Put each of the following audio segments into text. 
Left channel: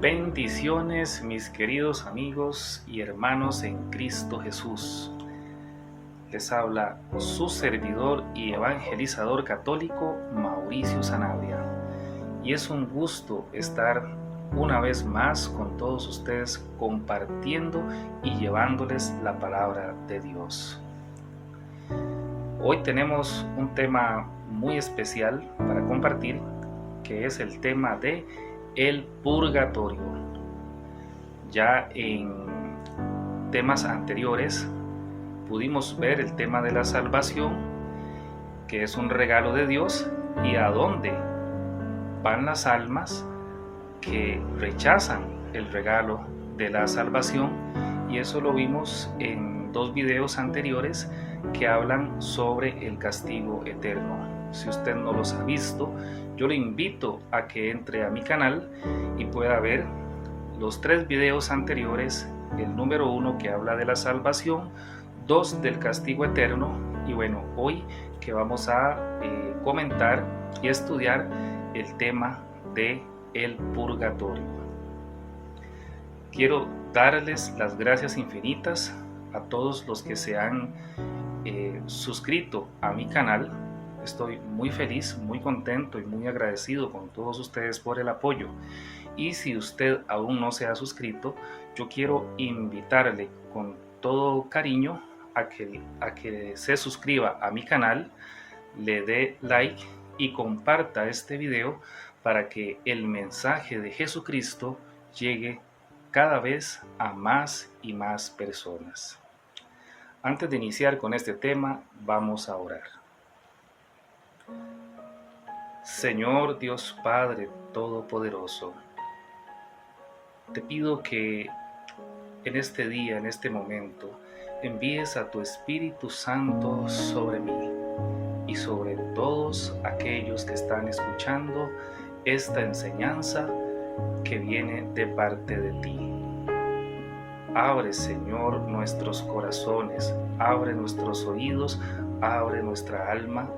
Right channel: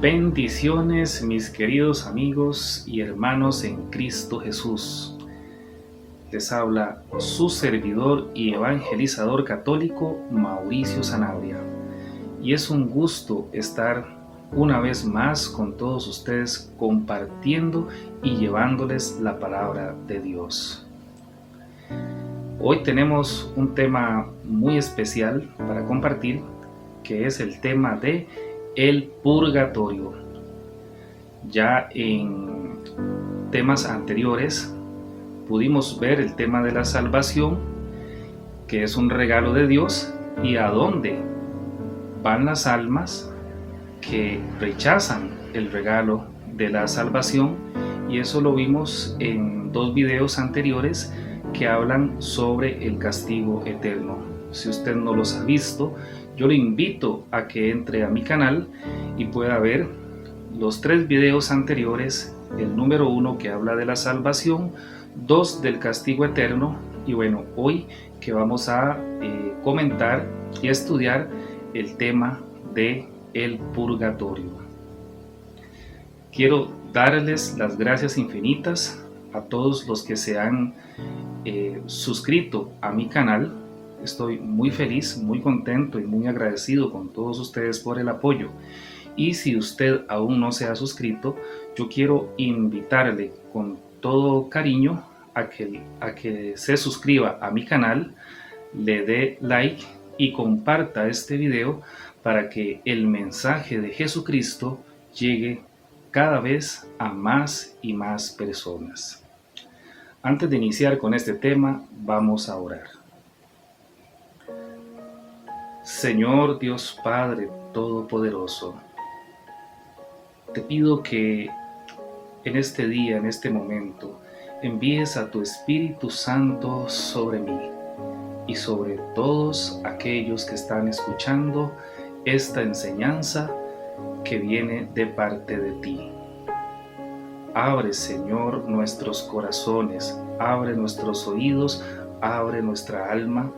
Bendiciones, mis queridos amigos y hermanos en Cristo Jesús. Les habla su servidor y evangelizador católico, Mauricio Sanabria. Y es un gusto estar una vez más con todos ustedes compartiendo y llevándoles la palabra de Dios. Hoy tenemos un tema muy especial para compartir, que es el tema de el purgatorio. Ya en temas anteriores pudimos ver el tema de la salvación, que es un regalo de Dios, y a dónde van las almas que rechazan el regalo de la salvación, y eso lo vimos en 2 videos anteriores que hablan sobre el castigo eterno. Si usted no los ha visto, yo le invito a que entre a mi canal y pueda ver los 3 videos anteriores, el número 1 que habla de la salvación, 2 del castigo eterno, y bueno, hoy que vamos a comentar y estudiar el tema de el purgatorio. Quiero darles las gracias infinitas a todos los que se han suscrito a mi canal. Estoy muy feliz, muy contento y muy agradecido con todos ustedes por el apoyo. Y si usted aún no se ha suscrito, yo quiero invitarle con todo cariño a que se suscriba a mi canal, le dé like y comparta este video para que el mensaje de Jesucristo llegue cada vez a más y más personas. Antes de iniciar con este tema, vamos a orar. Señor Dios Padre Todopoderoso, te pido que en este día, en este momento, envíes a tu Espíritu Santo sobre mí y sobre todos aquellos que están escuchando esta enseñanza que viene de parte de ti. Abre, Señor, nuestros corazones, abre nuestros oídos, abre nuestra alma,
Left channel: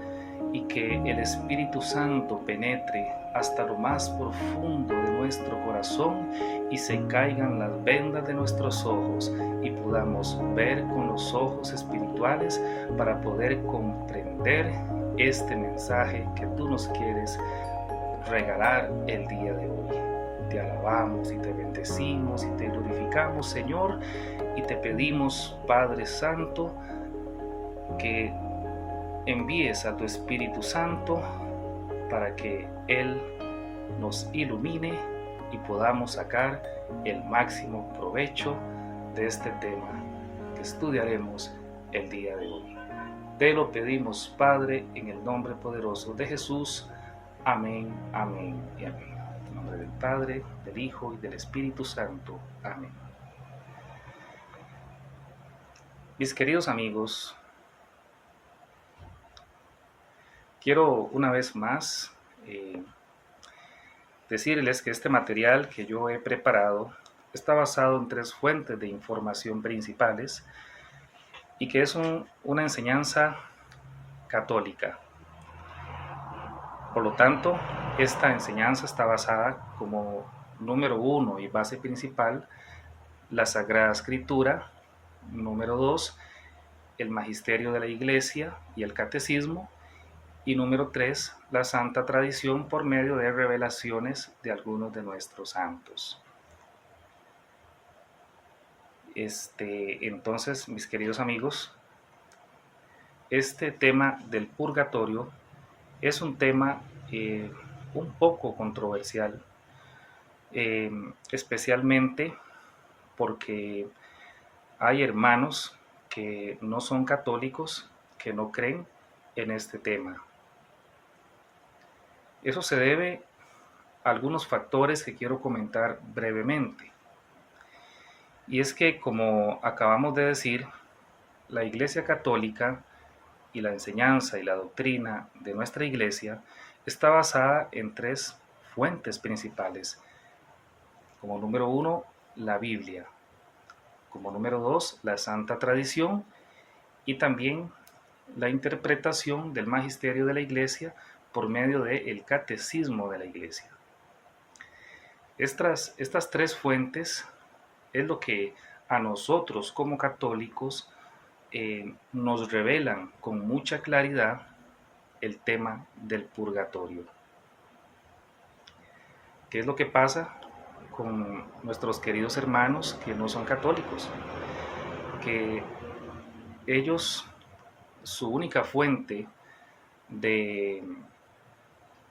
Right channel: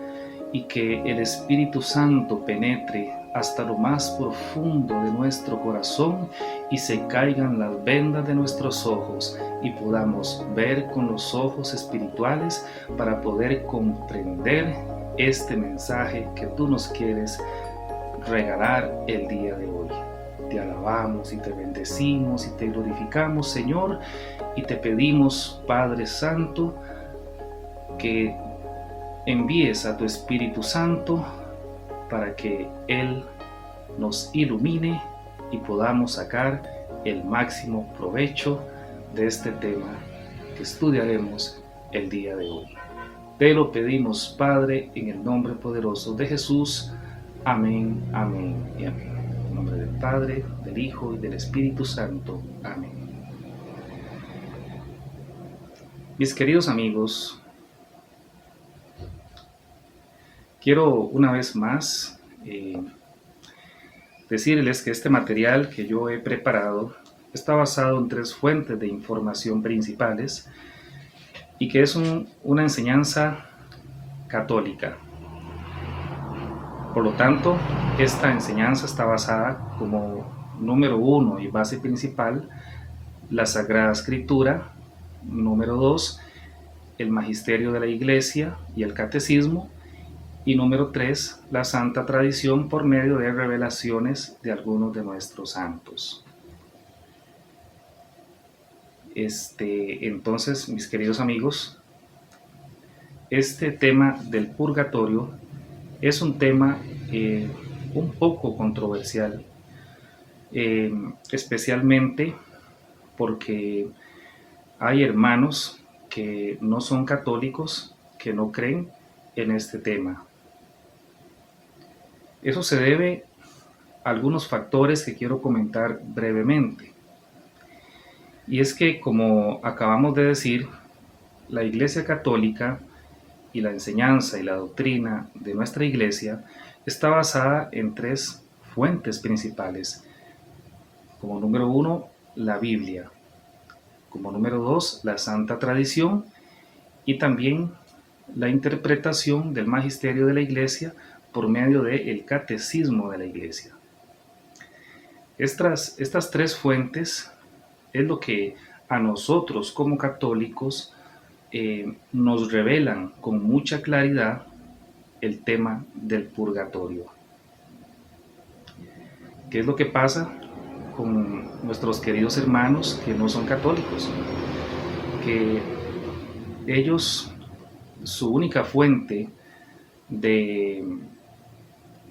y que el Espíritu Santo penetre hasta lo más profundo de nuestro corazón y se caigan las vendas de nuestros ojos y podamos ver con los ojos espirituales para poder comprender este mensaje que tú nos quieres regalar el día de hoy. Te alabamos y te bendecimos y te glorificamos, Señor, y te pedimos, Padre Santo, que envíes a tu Espíritu Santo para que Él nos ilumine y podamos sacar el máximo provecho de este tema que estudiaremos el día de hoy. Te lo pedimos, Padre, en el nombre poderoso de Jesús. Amén, amén y amén. En nombre del Padre, del Hijo y del Espíritu Santo. Amén. Mis queridos amigos, quiero una vez más decirles que este material que yo he preparado está basado en 3 fuentes de información principales y que es una enseñanza católica. Por lo tanto, esta enseñanza está basada como número 1 y base principal la Sagrada Escritura, número 2 el Magisterio de la Iglesia y el Catecismo, y número 3 la Santa Tradición por medio de revelaciones de algunos de nuestros santos. Entonces, mis queridos amigos, este tema del purgatorio es un tema un poco controversial, especialmente porque hay hermanos que no son católicos, que no creen en este tema. Eso se debe a algunos factores que quiero comentar brevemente. Y es que, como acabamos de decir, la Iglesia Católica y la enseñanza y la doctrina de nuestra Iglesia está basada en 3 fuentes principales. Como número 1, la Biblia. Como número 2, la Santa Tradición, y también la interpretación del magisterio de la Iglesia por medio del Catecismo de la Iglesia. Estas tres fuentes es lo que a nosotros como católicos nos revelan con mucha claridad el tema del purgatorio. ¿Qué es lo que pasa con nuestros queridos hermanos que no son católicos? Que ellos, su única fuente de,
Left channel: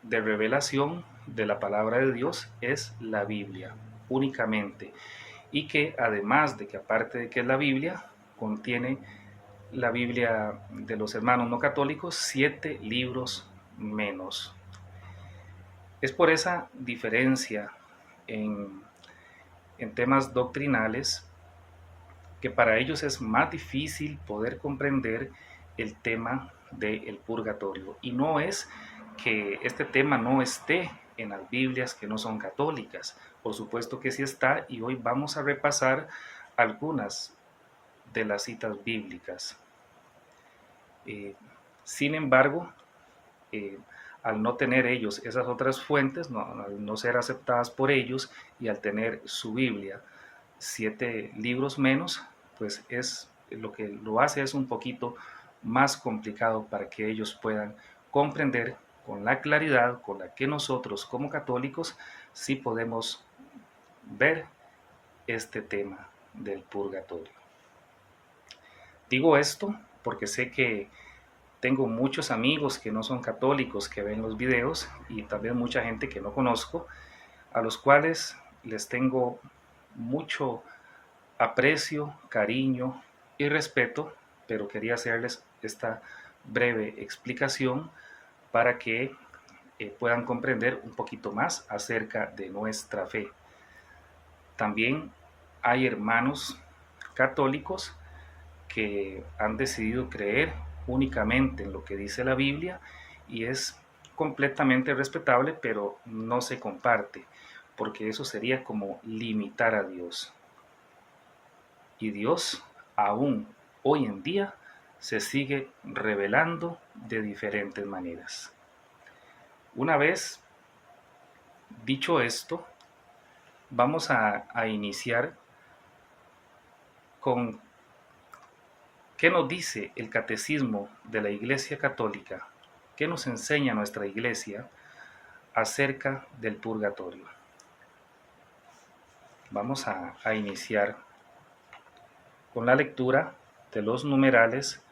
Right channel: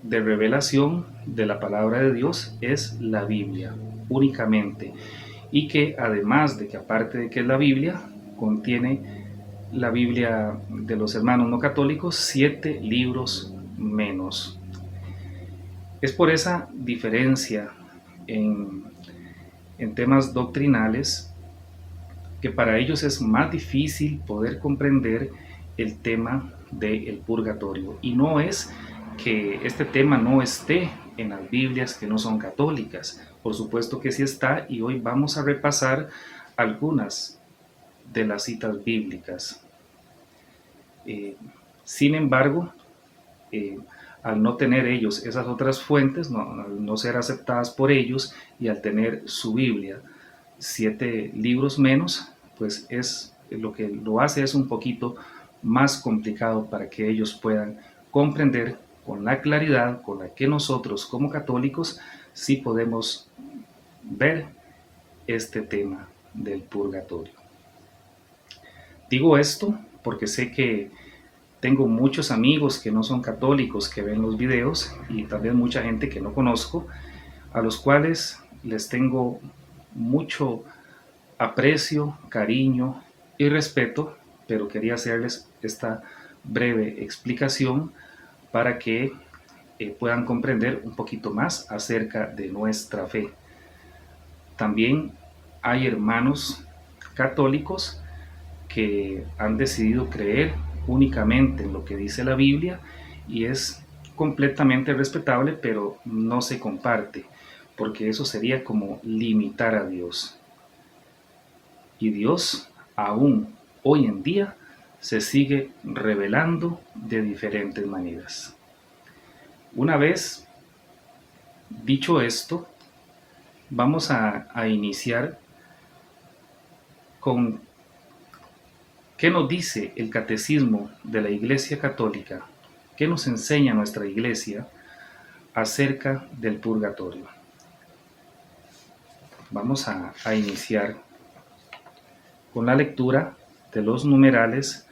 de revelación de la palabra de Dios es la Biblia, únicamente. Y que además de que aparte de que es la Biblia, contiene la Biblia de los hermanos no católicos 7 libros menos. Es por esa diferencia en, en temas doctrinales que para ellos es más difícil poder comprender el tema del purgatorio. Y no es que este tema no esté en las Biblias que no son católicas. Por supuesto que sí está, y hoy vamos a repasar algunas de las citas bíblicas. Sin embargo, eh, al no tener ellos esas otras fuentes, al no ser aceptadas por ellos y al tener su Biblia 7 libros menos, pues es lo que lo hace es un poquito más complicado para que ellos puedan comprender con la claridad con la que nosotros como católicos sí podemos ver este tema del purgatorio. Digo esto porque sé que tengo muchos amigos que no son católicos que ven los videos y también mucha gente que no conozco, a los cuales les tengo mucho aprecio, cariño y respeto, pero quería hacerles esta breve explicación para que puedan comprender un poquito más acerca de nuestra fe. También hay hermanos católicos que han decidido creer únicamente en lo que dice la Biblia y es completamente respetable, pero no se comparte, porque eso sería como limitar a Dios. Y Dios, aún hoy en día, se sigue revelando de diferentes maneras. Una vez dicho esto, vamos a iniciar con qué nos dice el catecismo de la Iglesia Católica, qué nos enseña nuestra Iglesia acerca del purgatorio. Vamos a iniciar con la lectura de los numerales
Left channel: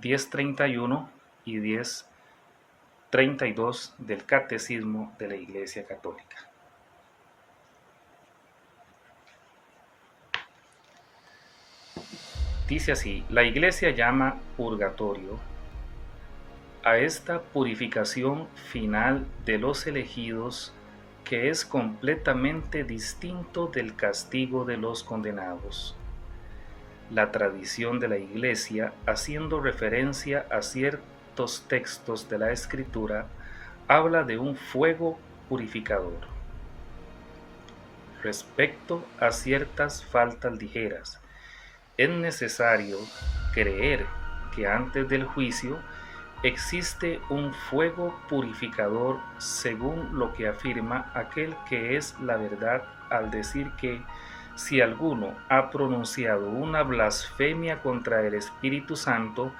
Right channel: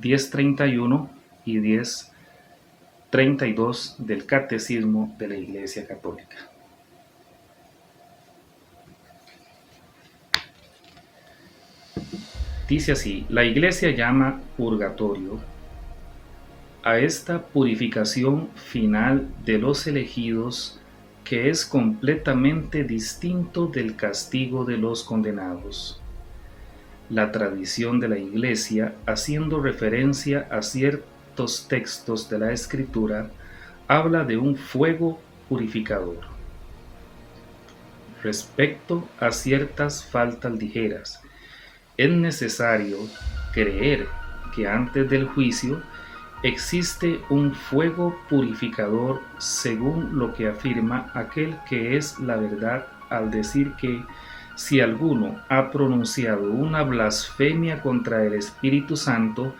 1031 y 1032 del Catecismo de la Iglesia Católica. Dice así: la Iglesia llama purgatorio a esta purificación final de los elegidos, que es completamente distinto del castigo de los condenados. La tradición de la Iglesia, haciendo referencia a ciertos textos de la Escritura, habla de un fuego purificador. Respecto a ciertas faltas ligeras, es necesario creer que antes del juicio existe un fuego purificador, según lo que afirma aquel que es la verdad al decir que si alguno ha pronunciado una blasfemia contra el Espíritu Santo,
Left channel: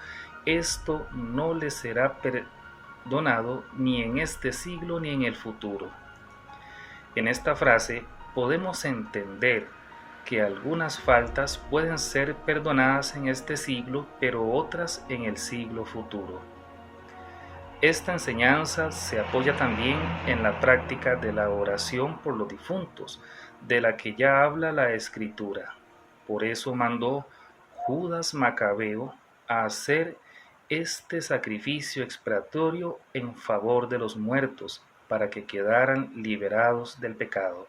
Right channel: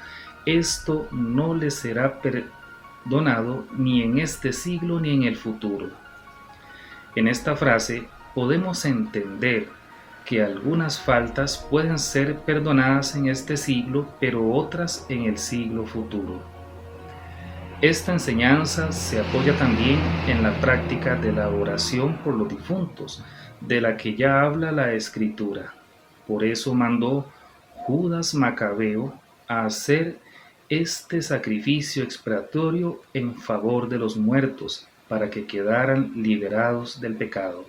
esto no le será perdonado ni en este siglo ni en el futuro. En esta frase podemos entender que algunas faltas pueden ser perdonadas en este siglo, pero otras en el siglo futuro. Esta enseñanza se apoya también en la práctica de la oración por los difuntos, de la que ya habla la Escritura. Por eso mandó Judas Macabeo a hacer este sacrificio expiatorio en favor de los muertos, para que quedaran liberados del pecado.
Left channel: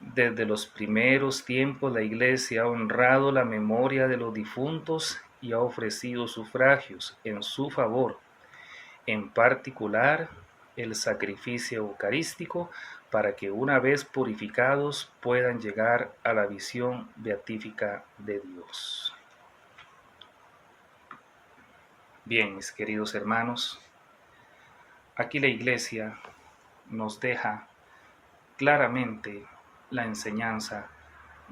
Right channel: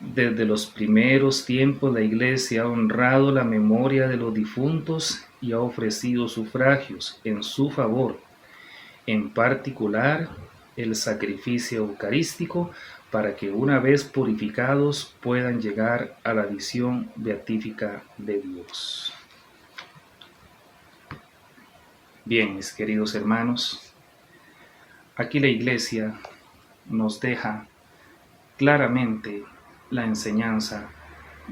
Desde los primeros tiempos la Iglesia ha honrado la memoria de los difuntos y ha ofrecido sufragios en su favor, en particular el sacrificio eucarístico, para que una vez purificados puedan llegar a la visión beatífica de Dios. Bien, mis queridos hermanos, aquí la Iglesia nos deja claramente la enseñanza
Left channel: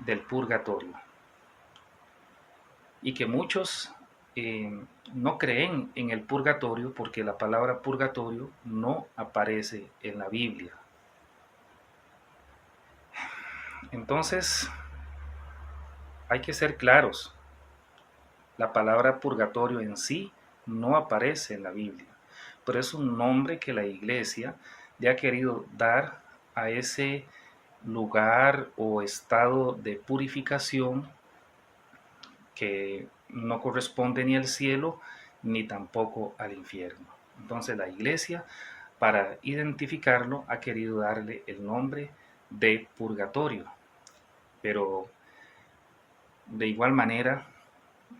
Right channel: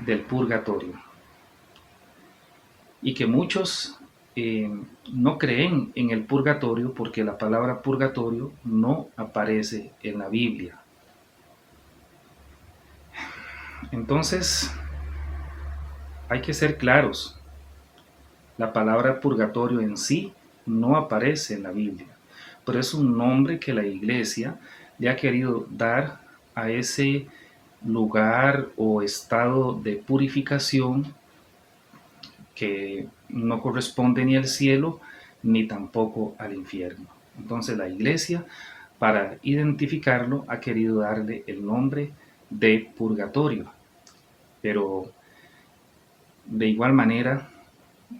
del purgatorio y que muchos no creen en el purgatorio porque la palabra purgatorio no aparece en la Biblia. Entonces, hay que ser claros. La palabra purgatorio en sí no aparece en la Biblia, pero es un nombre que la iglesia le ha querido dar a ese lugar o estado de purificación que no corresponde ni al cielo ni tampoco al infierno. Entonces la iglesia, para identificarlo, ha querido darle el nombre de purgatorio, pero de igual manera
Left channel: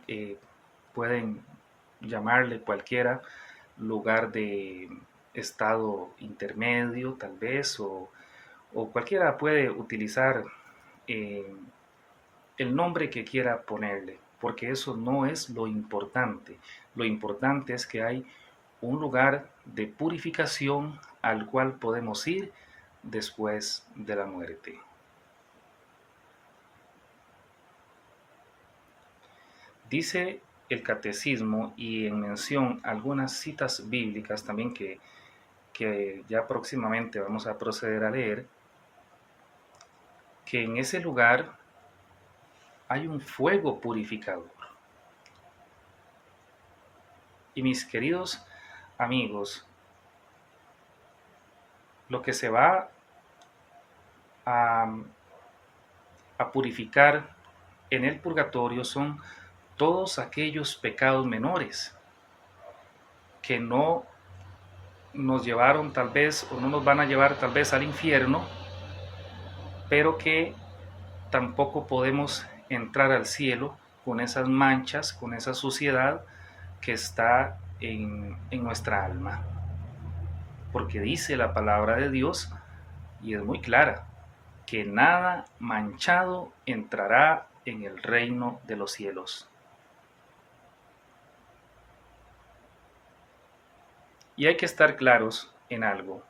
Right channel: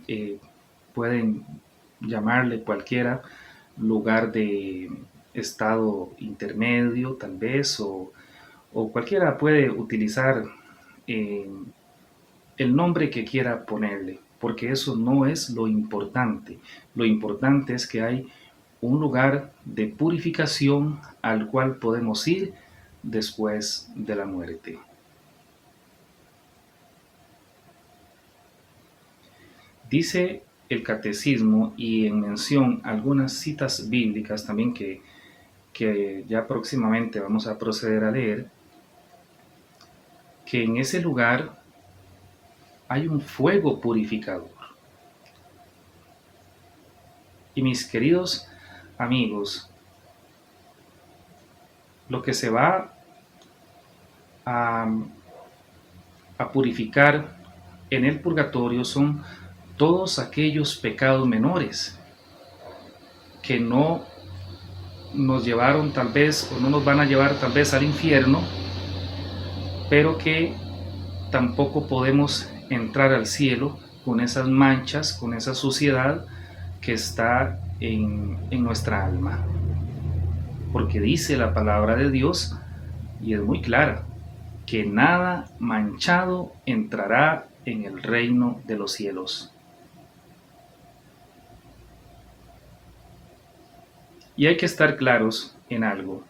eh, pueden llamarle cualquiera lugar de estado intermedio tal vez, o cualquiera puede utilizar eh, el nombre que quiera ponerle, porque eso no es lo importante. Lo importante es que hay un lugar de purificación al cual podemos ir después de la muerte. Dice el catecismo y en mención algunas citas bíblicas también que ya próximamente vamos a proceder a leer, que en ese lugar hay un fuego purificador. Y mis queridos amigos, lo que se va a, a purificar en el purgatorio son todos aquellos pecados menores que no nos llevaron tal vez o no nos van a llevar tal vez al infierno, pero que tampoco podemos entrar al cielo con esas manchas, con esa suciedad que está en nuestra alma. Porque dice la palabra de Dios, y es muy clara, que nada manchado entrará en el reino de los cielos. Y hay que estar claros en algo.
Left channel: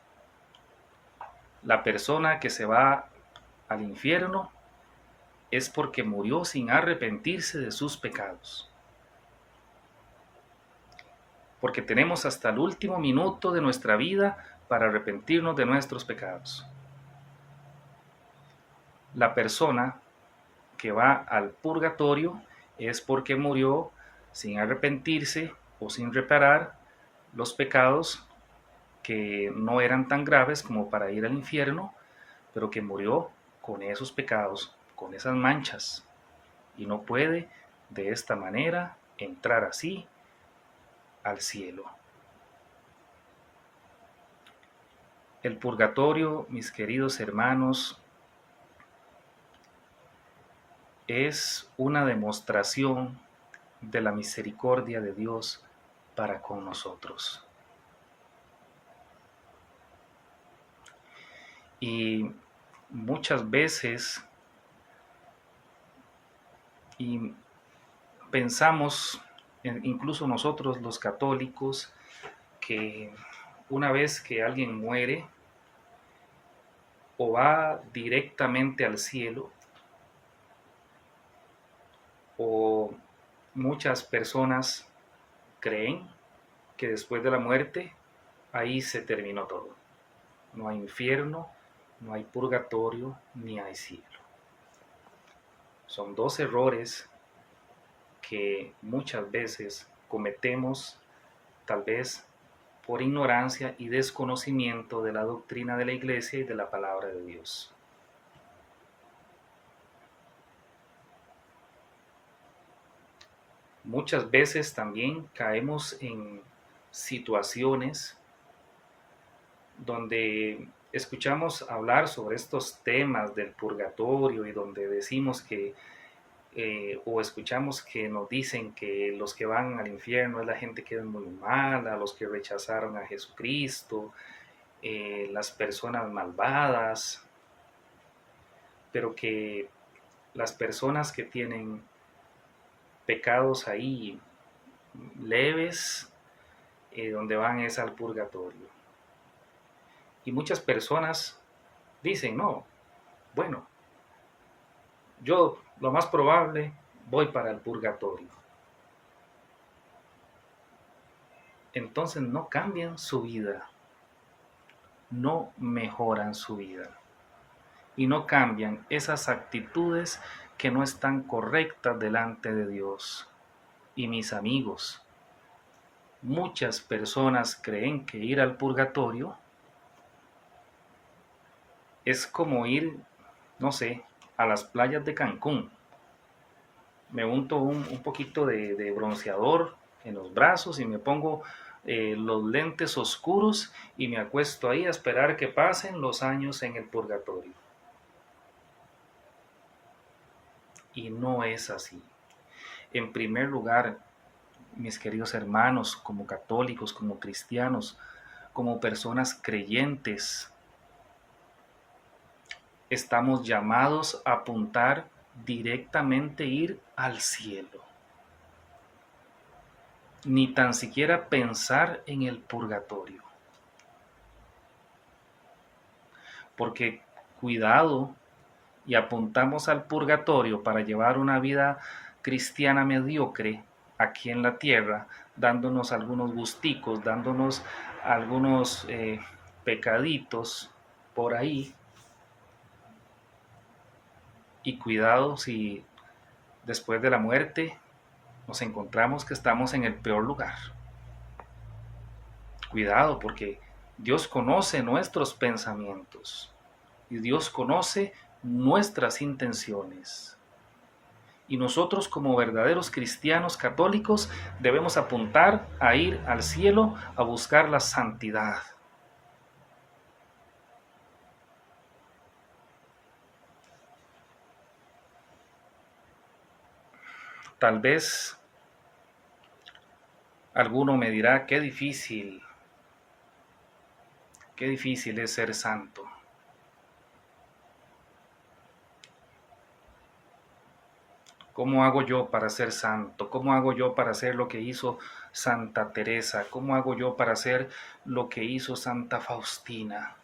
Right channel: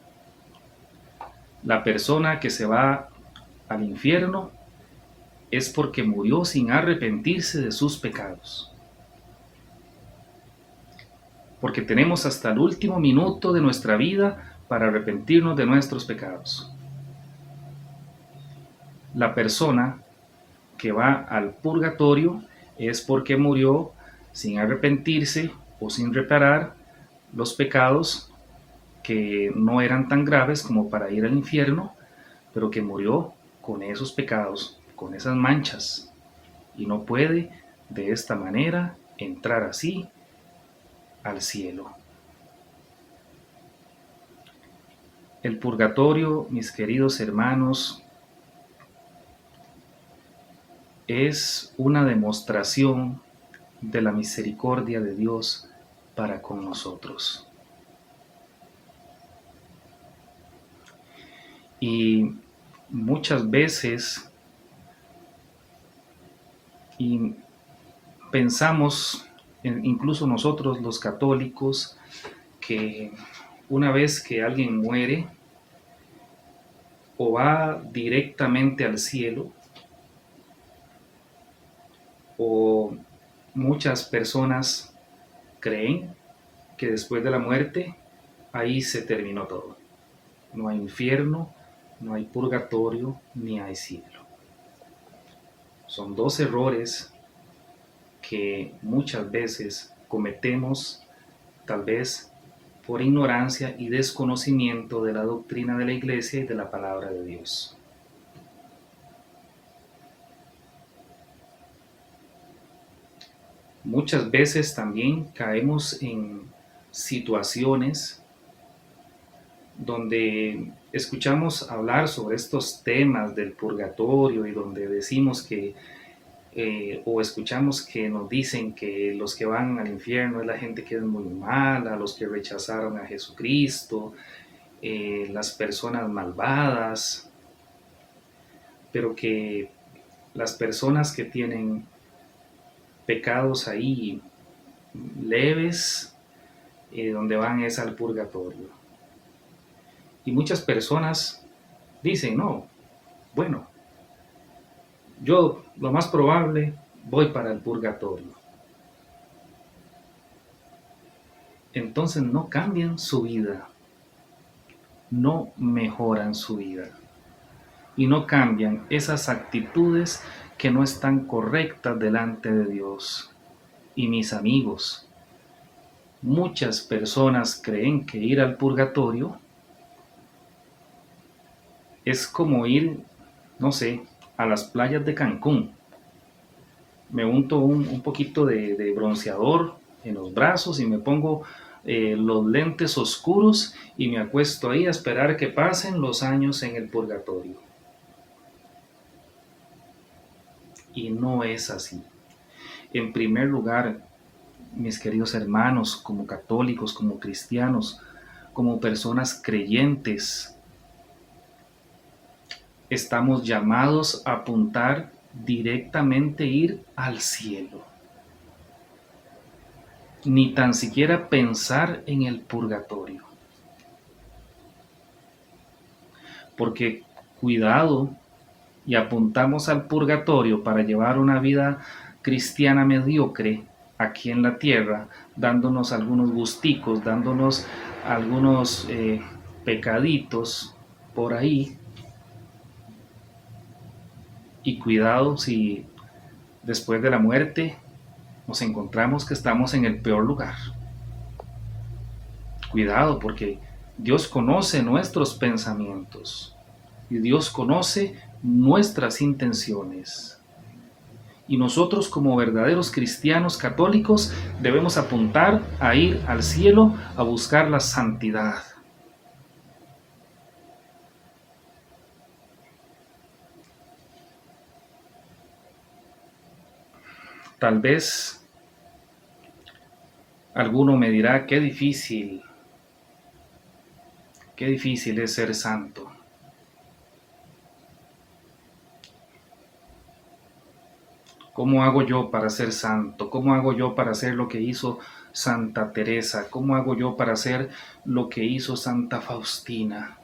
La persona que se va al infierno es porque murió sin arrepentirse de sus pecados. Porque tenemos hasta el último minuto de nuestra vida para arrepentirnos de nuestros pecados. La persona que va al purgatorio es porque murió sin arrepentirse o sin reparar los pecados que no eran tan graves como para ir al infierno, pero que murió con esos pecados, con esas manchas, y no puede de esta manera entrar así al cielo. El purgatorio, mis queridos hermanos, es una demostración de la misericordia de Dios para con nosotros. Y muchas veces y pensamos, incluso nosotros los católicos, que una vez que alguien muere o va directamente al cielo, o muchas personas creen que después de la muerte ahí se terminó todo. No hay infierno, no hay purgatorio, ni hay cielo. Son dos errores que muchas veces cometemos, tal vez por ignorancia y desconocimiento de la doctrina de la Iglesia y de la palabra de Dios. Muchas veces también caemos en situaciones donde escuchamos hablar sobre estos temas del purgatorio y donde decimos que o escuchamos que nos dicen que los que van al infierno es la gente que es muy mala, los que rechazaron a Jesucristo, las personas malvadas, pero que las personas que tienen pecados ahí leves, donde van es al purgatorio. Y muchas personas dicen, no, bueno, yo lo más probable voy para el purgatorio. Entonces no cambian su vida, no mejoran su vida y no cambian esas actitudes que no están correctas delante de Dios. Y mis amigos, muchas personas creen que ir al purgatorio es como ir, no sé, a las playas de Cancún. Me unto un poquito de bronceador en los brazos y me pongo los lentes oscuros y me acuesto ahí a esperar que pasen los años en el purgatorio. Y no es así. En primer lugar, mis queridos hermanos, como católicos, como cristianos, como personas creyentes, estamos llamados a apuntar directamente a ir al cielo. Ni tan siquiera pensar en el purgatorio. Porque cuidado, y apuntamos al purgatorio para llevar una vida cristiana mediocre aquí en la tierra, dándonos algunos gusticos, dándonos algunos pecaditos por ahí. Y cuidado si después de la muerte nos encontramos que estamos en el peor lugar. Cuidado, porque Dios conoce nuestros pensamientos y Dios conoce nuestras intenciones. Y nosotros como verdaderos cristianos católicos debemos apuntar a ir al cielo a buscar la santidad. Tal vez alguno me dirá, qué difícil es ser santo. ¿Cómo hago yo para ser santo? ¿Cómo hago yo para hacer lo que hizo Santa Teresa? ¿Cómo hago yo para hacer lo que hizo Santa Faustina?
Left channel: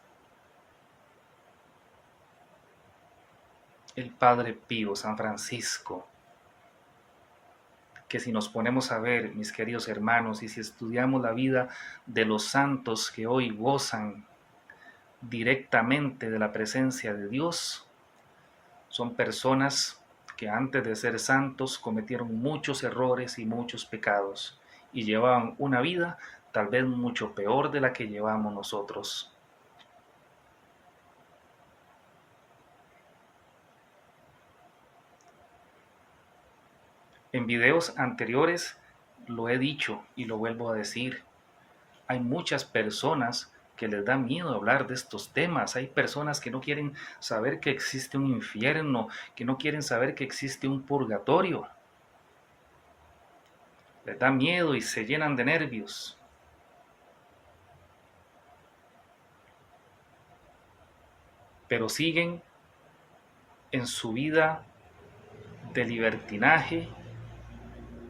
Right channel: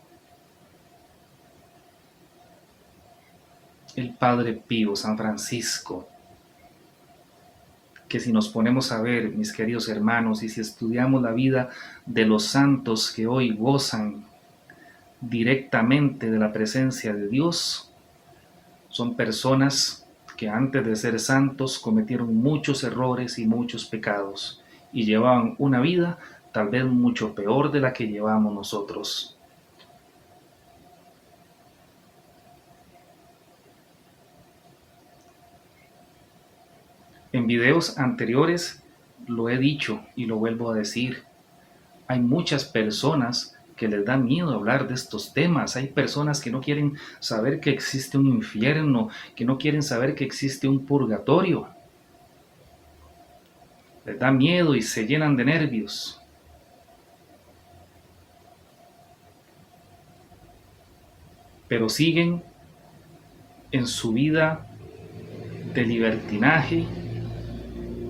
El Padre Pío, San Francisco. Que si nos ponemos a ver, mis queridos hermanos, y si estudiamos la vida de los santos que hoy gozan directamente de la presencia de Dios, son personas que antes de ser santos cometieron muchos errores y muchos pecados y llevaban una vida tal vez mucho peor de la que llevamos nosotros. En videos anteriores lo he dicho y lo vuelvo a decir. Hay muchas personas que les da miedo hablar de estos temas. Hay personas que no quieren saber que existe un infierno, que no quieren saber que existe un purgatorio. Les da miedo y se llenan de nervios. Pero siguen en su vida de libertinaje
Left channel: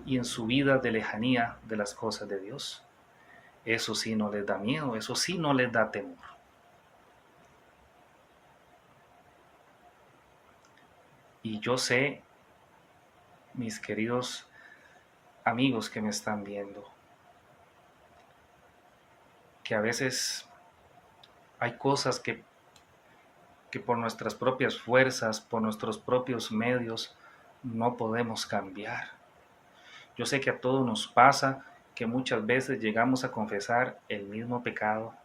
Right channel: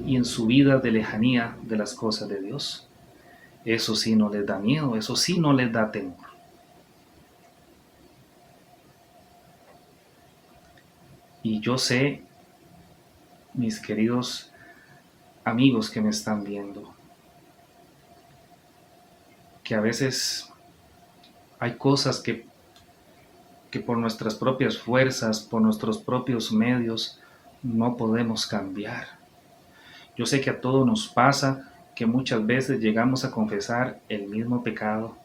y en su vida de lejanía de las cosas de Dios. Eso sí no les da miedo, eso sí no les da temor. Y yo sé, mis queridos amigos que me están viendo, que a veces hay cosas que por nuestras propias fuerzas, por nuestros propios medios, no podemos cambiar. Yo sé que a todos nos pasa que muchas veces llegamos a confesar el mismo pecado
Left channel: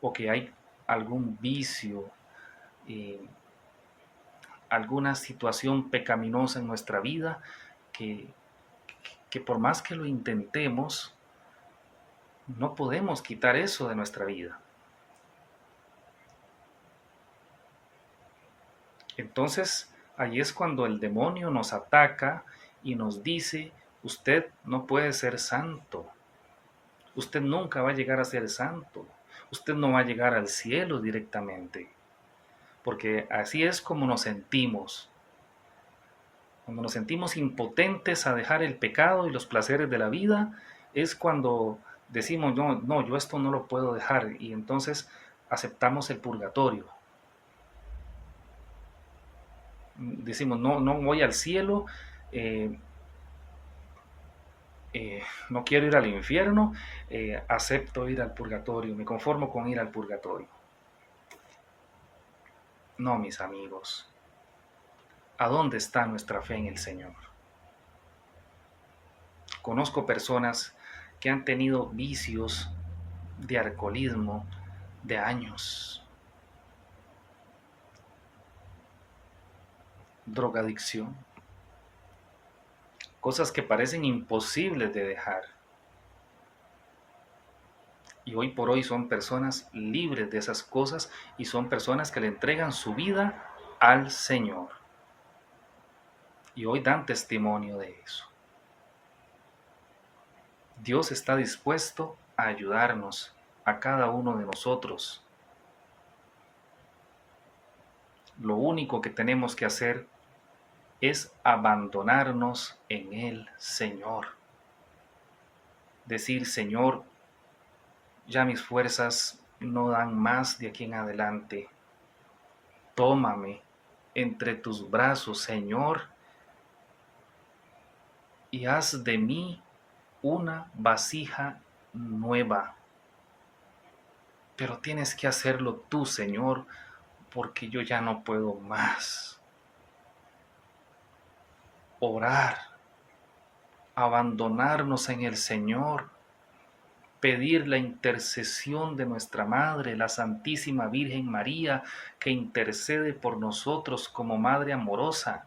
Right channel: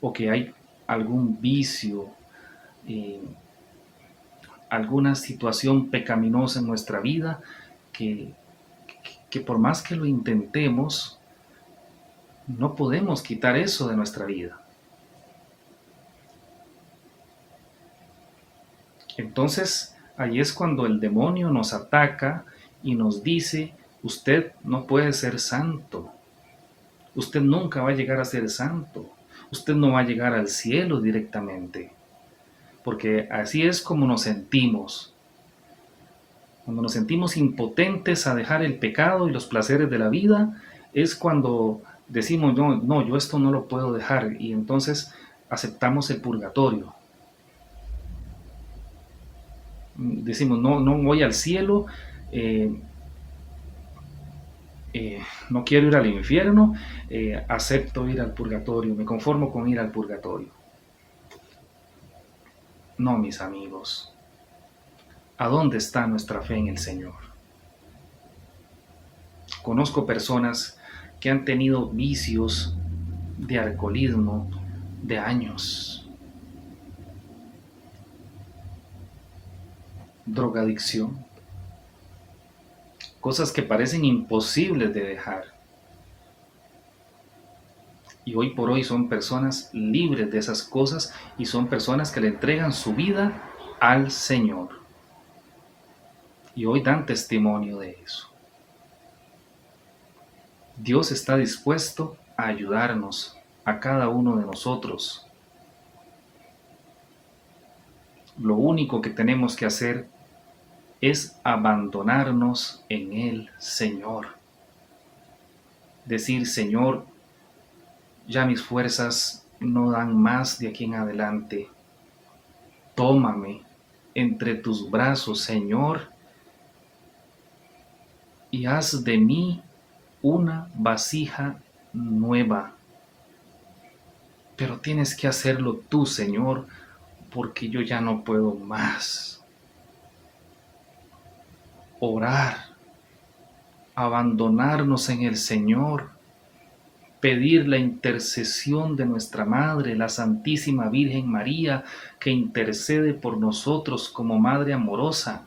o que hay algún vicio, alguna situación pecaminosa en nuestra vida que por más que lo intentemos, no podemos quitar eso de nuestra vida. Entonces, ahí es cuando el demonio nos ataca y nos dice, usted no puede ser santo, usted nunca va a llegar a ser santo, usted no va a llegar al cielo directamente, porque así es como nos sentimos. Cuando nos sentimos impotentes a dejar el pecado y los placeres de la vida, es cuando decimos, no, no, yo esto no lo puedo dejar, y entonces aceptamos el purgatorio. Decimos, no, no voy al cielo, eh, no quiero ir al infierno, acepto ir al purgatorio, me conformo con ir al purgatorio. No, mis amigos, ¿a dónde está nuestra fe en el Señor? Conozco personas que han tenido vicios de alcoholismo de años, drogadicción, cosas que parecen imposibles de dejar. Y hoy por hoy son personas libres de esas cosas y son personas que le entregan su vida al Señor. Y hoy dan testimonio de eso. Dios está dispuesto a ayudarnos a cada uno de nosotros. Lo único que tenemos que hacer es abandonarnos en el Señor. Decir, Señor, ya mis fuerzas no dan más de aquí en adelante. Tómame entre tus brazos, Señor, y haz de mí una vasija nueva. Pero tienes que hacerlo tú, Señor, porque yo ya no puedo más. Orar, abandonarnos en el Señor, pedir la intercesión de nuestra Madre, la Santísima Virgen María, que intercede por nosotros como Madre amorosa.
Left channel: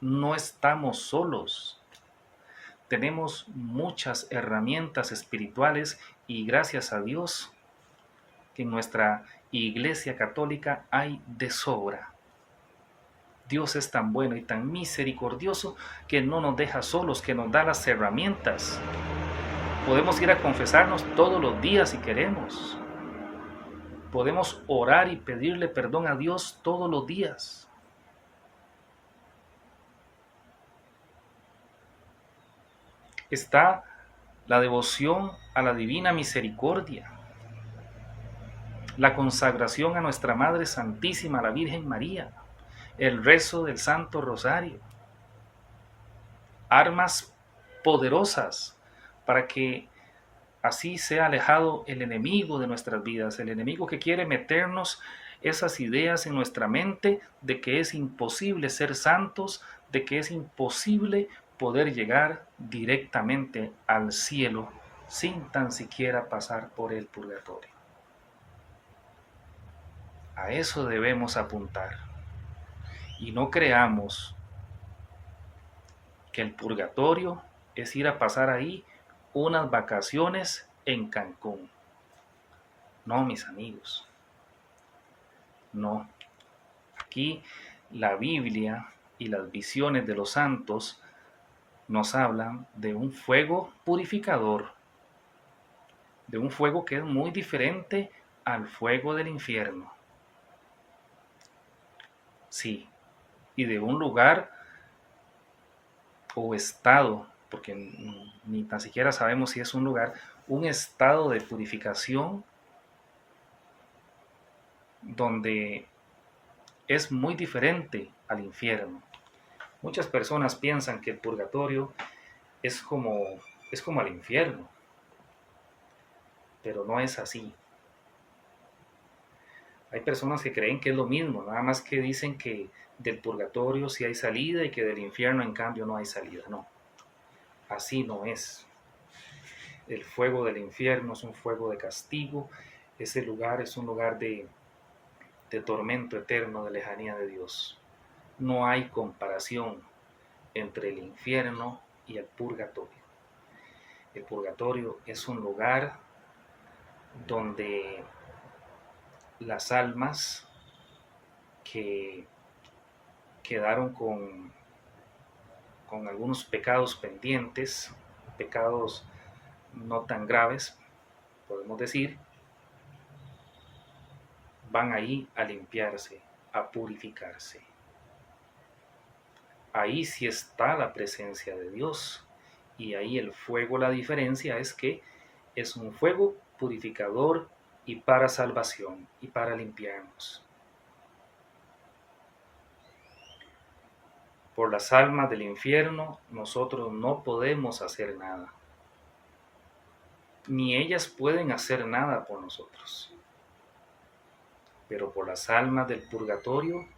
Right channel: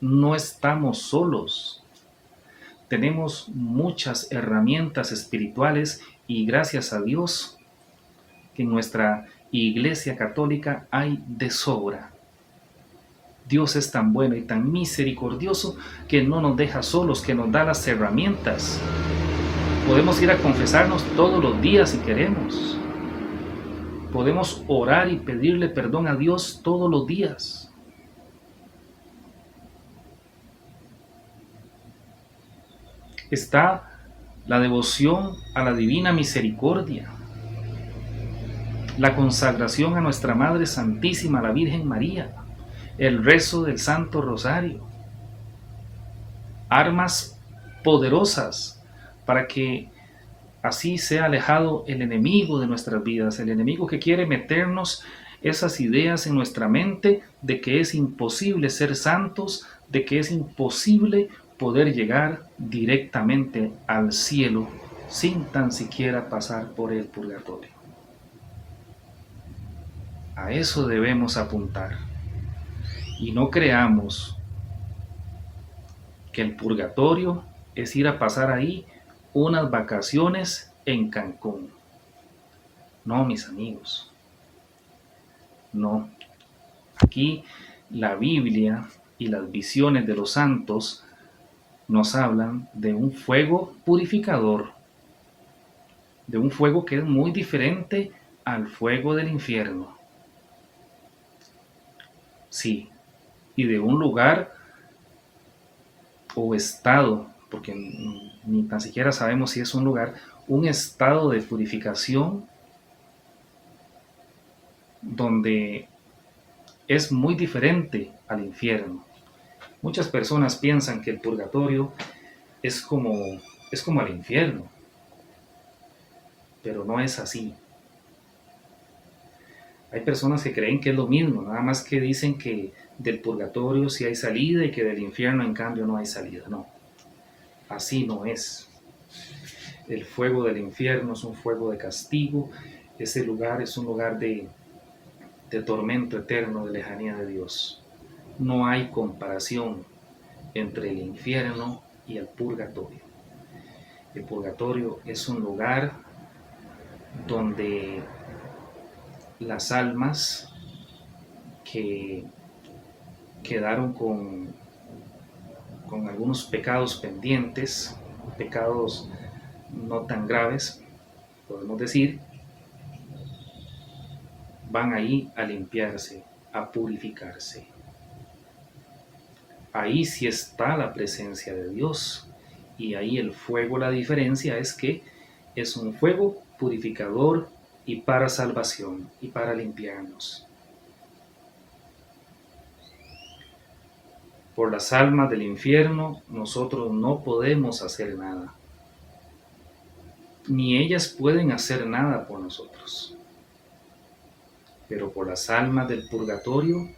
No estamos solos. Tenemos muchas herramientas espirituales y gracias a Dios que en nuestra Iglesia Católica hay de sobra. Dios es tan bueno y tan misericordioso que no nos deja solos, que nos da las herramientas. Podemos ir a confesarnos todos los días si queremos. Podemos orar y pedirle perdón a Dios todos los días. Está la devoción a la divina misericordia, la consagración a nuestra Madre Santísima, la Virgen María, el rezo del Santo Rosario, armas poderosas para que así sea alejado el enemigo de nuestras vidas, el enemigo que quiere meternos esas ideas en nuestra mente de que es imposible ser santos, de que es imposible poder llegar directamente al cielo sin tan siquiera pasar por el purgatorio. A eso debemos apuntar. Y no creamos que el purgatorio es ir a pasar ahí unas vacaciones en Cancún. No, mis amigos. No. Aquí la Biblia y las visiones de los santos nos hablan de un fuego purificador, de un fuego que es muy diferente al fuego del infierno. Sí, y de un lugar o estado, porque ni tan siquiera sabemos si es un lugar, un estado de purificación donde es muy diferente al infierno. Muchas personas piensan que el purgatorio es como el infierno, pero no es así. Hay personas que creen que es lo mismo, nada más que dicen que del purgatorio sí hay salida y que del infierno en cambio no hay salida. No, así no es. El fuego del infierno es un fuego de castigo, ese lugar es un lugar de tormento eterno, de lejanía de Dios. No hay comparación entre el infierno y el purgatorio. El purgatorio es un lugar donde las almas que quedaron con algunos pecados pendientes, pecados no tan graves, podemos decir, van ahí a limpiarse, a purificarse. Ahí sí está la presencia de Dios Y ahí el fuego, la diferencia es que es un fuego purificador y para salvación y para limpiarnos. Por las almas del infierno nosotros no podemos hacer nada, ni ellas pueden hacer nada por nosotros. Pero por las almas del purgatorio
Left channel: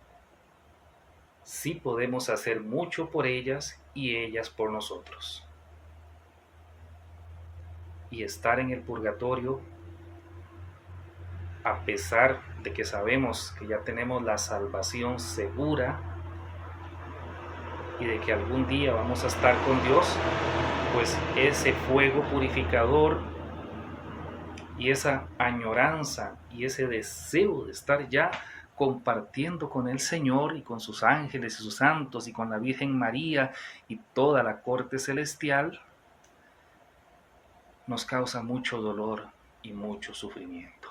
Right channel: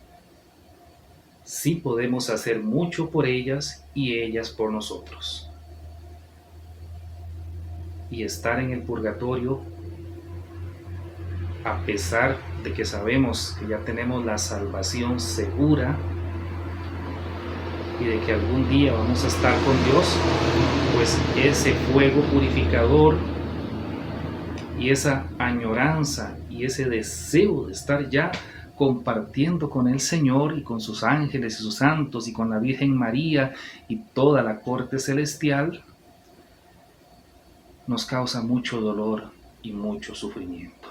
sí podemos hacer mucho por ellas y ellas por nosotros. Y estar en el purgatorio, a pesar de que sabemos que ya tenemos la salvación segura y de que algún día vamos a estar con Dios, pues ese fuego purificador y esa añoranza y ese deseo de estar ya compartiendo con el Señor y con sus ángeles y sus santos y con la Virgen María y toda la corte celestial, nos causa mucho dolor y mucho sufrimiento.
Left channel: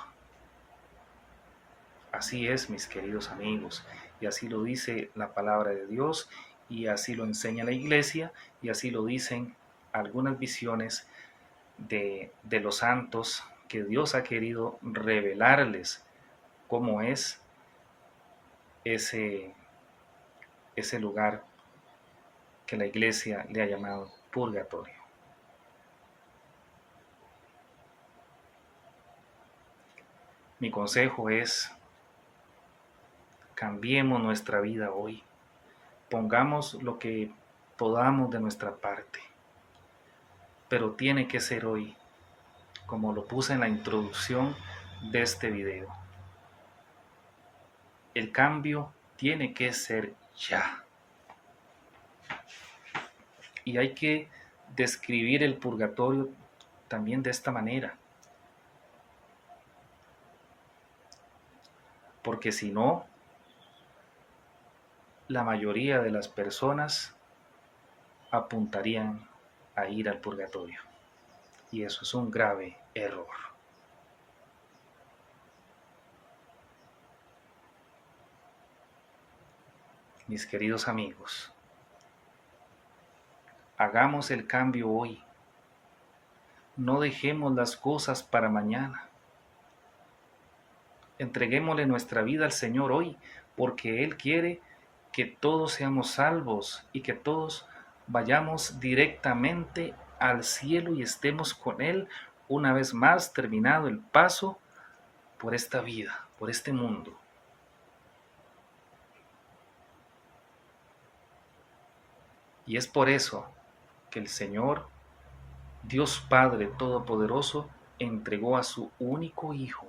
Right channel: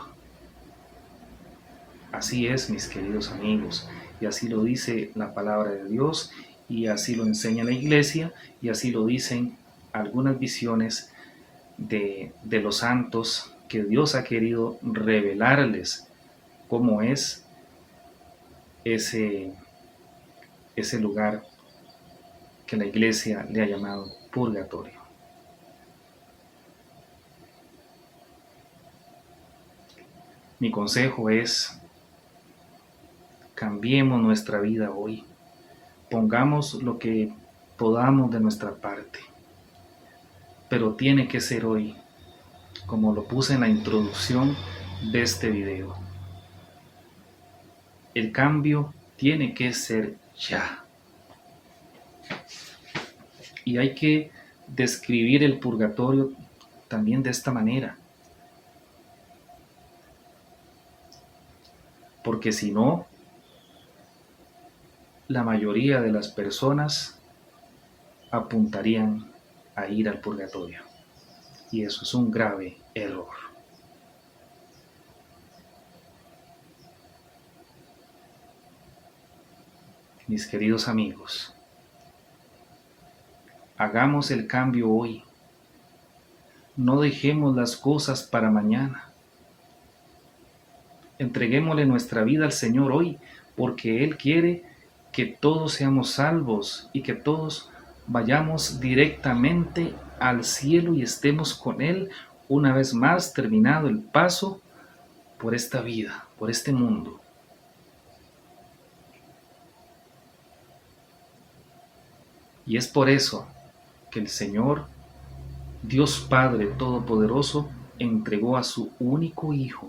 Así es, mis queridos amigos, y así lo dice la palabra de Dios, y así lo enseña la iglesia, y así lo dicen algunas visiones de los santos que Dios ha querido revelarles cómo es ese lugar que la iglesia le ha llamado purgatorio. Mi consejo es: cambiemos nuestra vida hoy, pongamos lo que podamos de nuestra parte, pero tiene que ser hoy, como lo puse en la introducción de este video. El cambio tiene que ser ya. Y hay que describir el purgatorio también de esta manera. Porque si no, la mayoría de las personas apuntarían a ir al purgatorio. Y eso es un grave error. Mis queridos amigos, hagamos el cambio hoy. No dejemos las cosas para mañana. Entreguémosle nuestra vida al Señor hoy, porque Él quiere que todos seamos salvos y que todos vayamos directamente al cielo y estemos con Él una vez más terminado el paso por esta vida, por este mundo. Y es por eso que el Señor, Dios Padre Todopoderoso, entregó a su único Hijo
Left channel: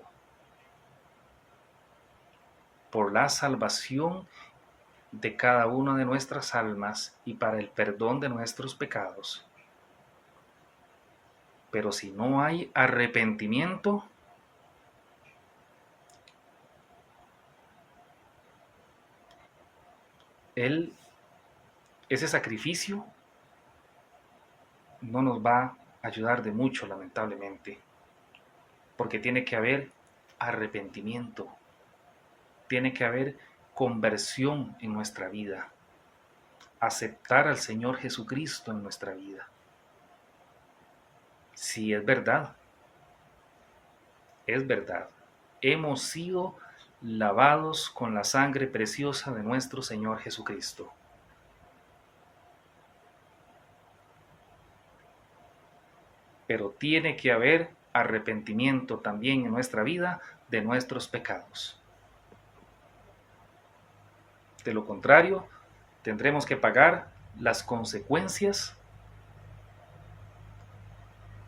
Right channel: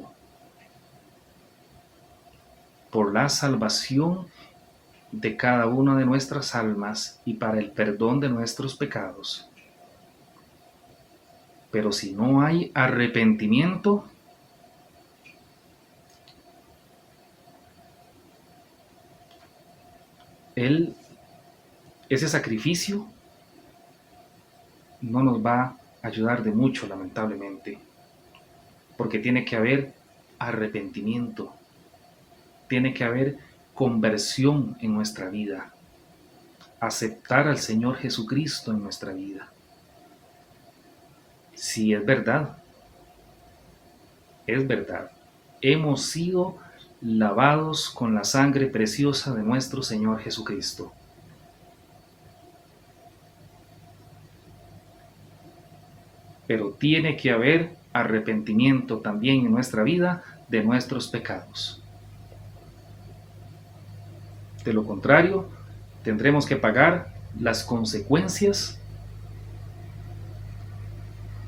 por la salvación de cada una de nuestras almas y para el perdón de nuestros pecados. Pero si no hay arrepentimiento, ese sacrificio no nos va a ayudar de mucho, lamentablemente, porque tiene que haber arrepentimiento, tiene que haber conversión en nuestra vida, aceptar al Señor Jesucristo en nuestra vida. Sí, es verdad, hemos sido lavados con la sangre preciosa de nuestro Señor Jesucristo. Pero tiene que haber arrepentimiento también en nuestra vida de nuestros pecados. De lo contrario, tendremos que pagar las consecuencias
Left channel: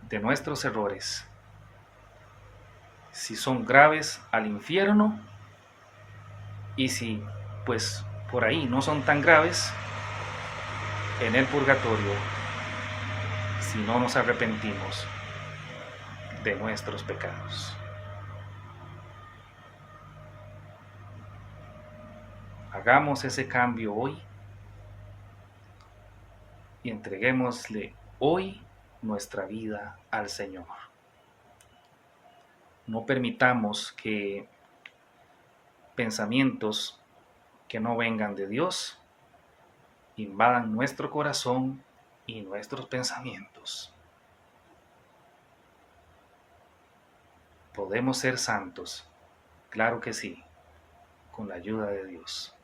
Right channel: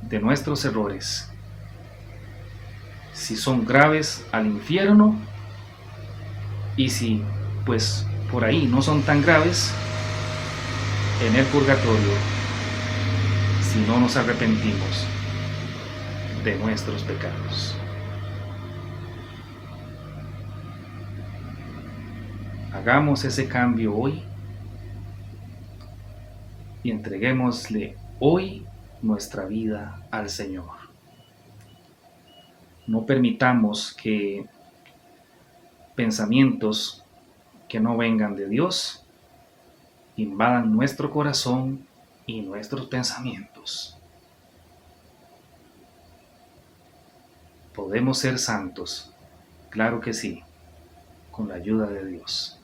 de nuestros errores. Si son graves, al infierno, y si pues por ahí no son tan graves, en el purgatorio, si no nos arrepentimos de nuestros pecados. Hagamos ese cambio hoy y entreguémosle hoy nuestra vida al Señor. No permitamos que pensamientos que no vengan de Dios invadan nuestro corazón y nuestros pensamientos. ¿Podemos ser santos? Claro que sí, con la ayuda de Dios.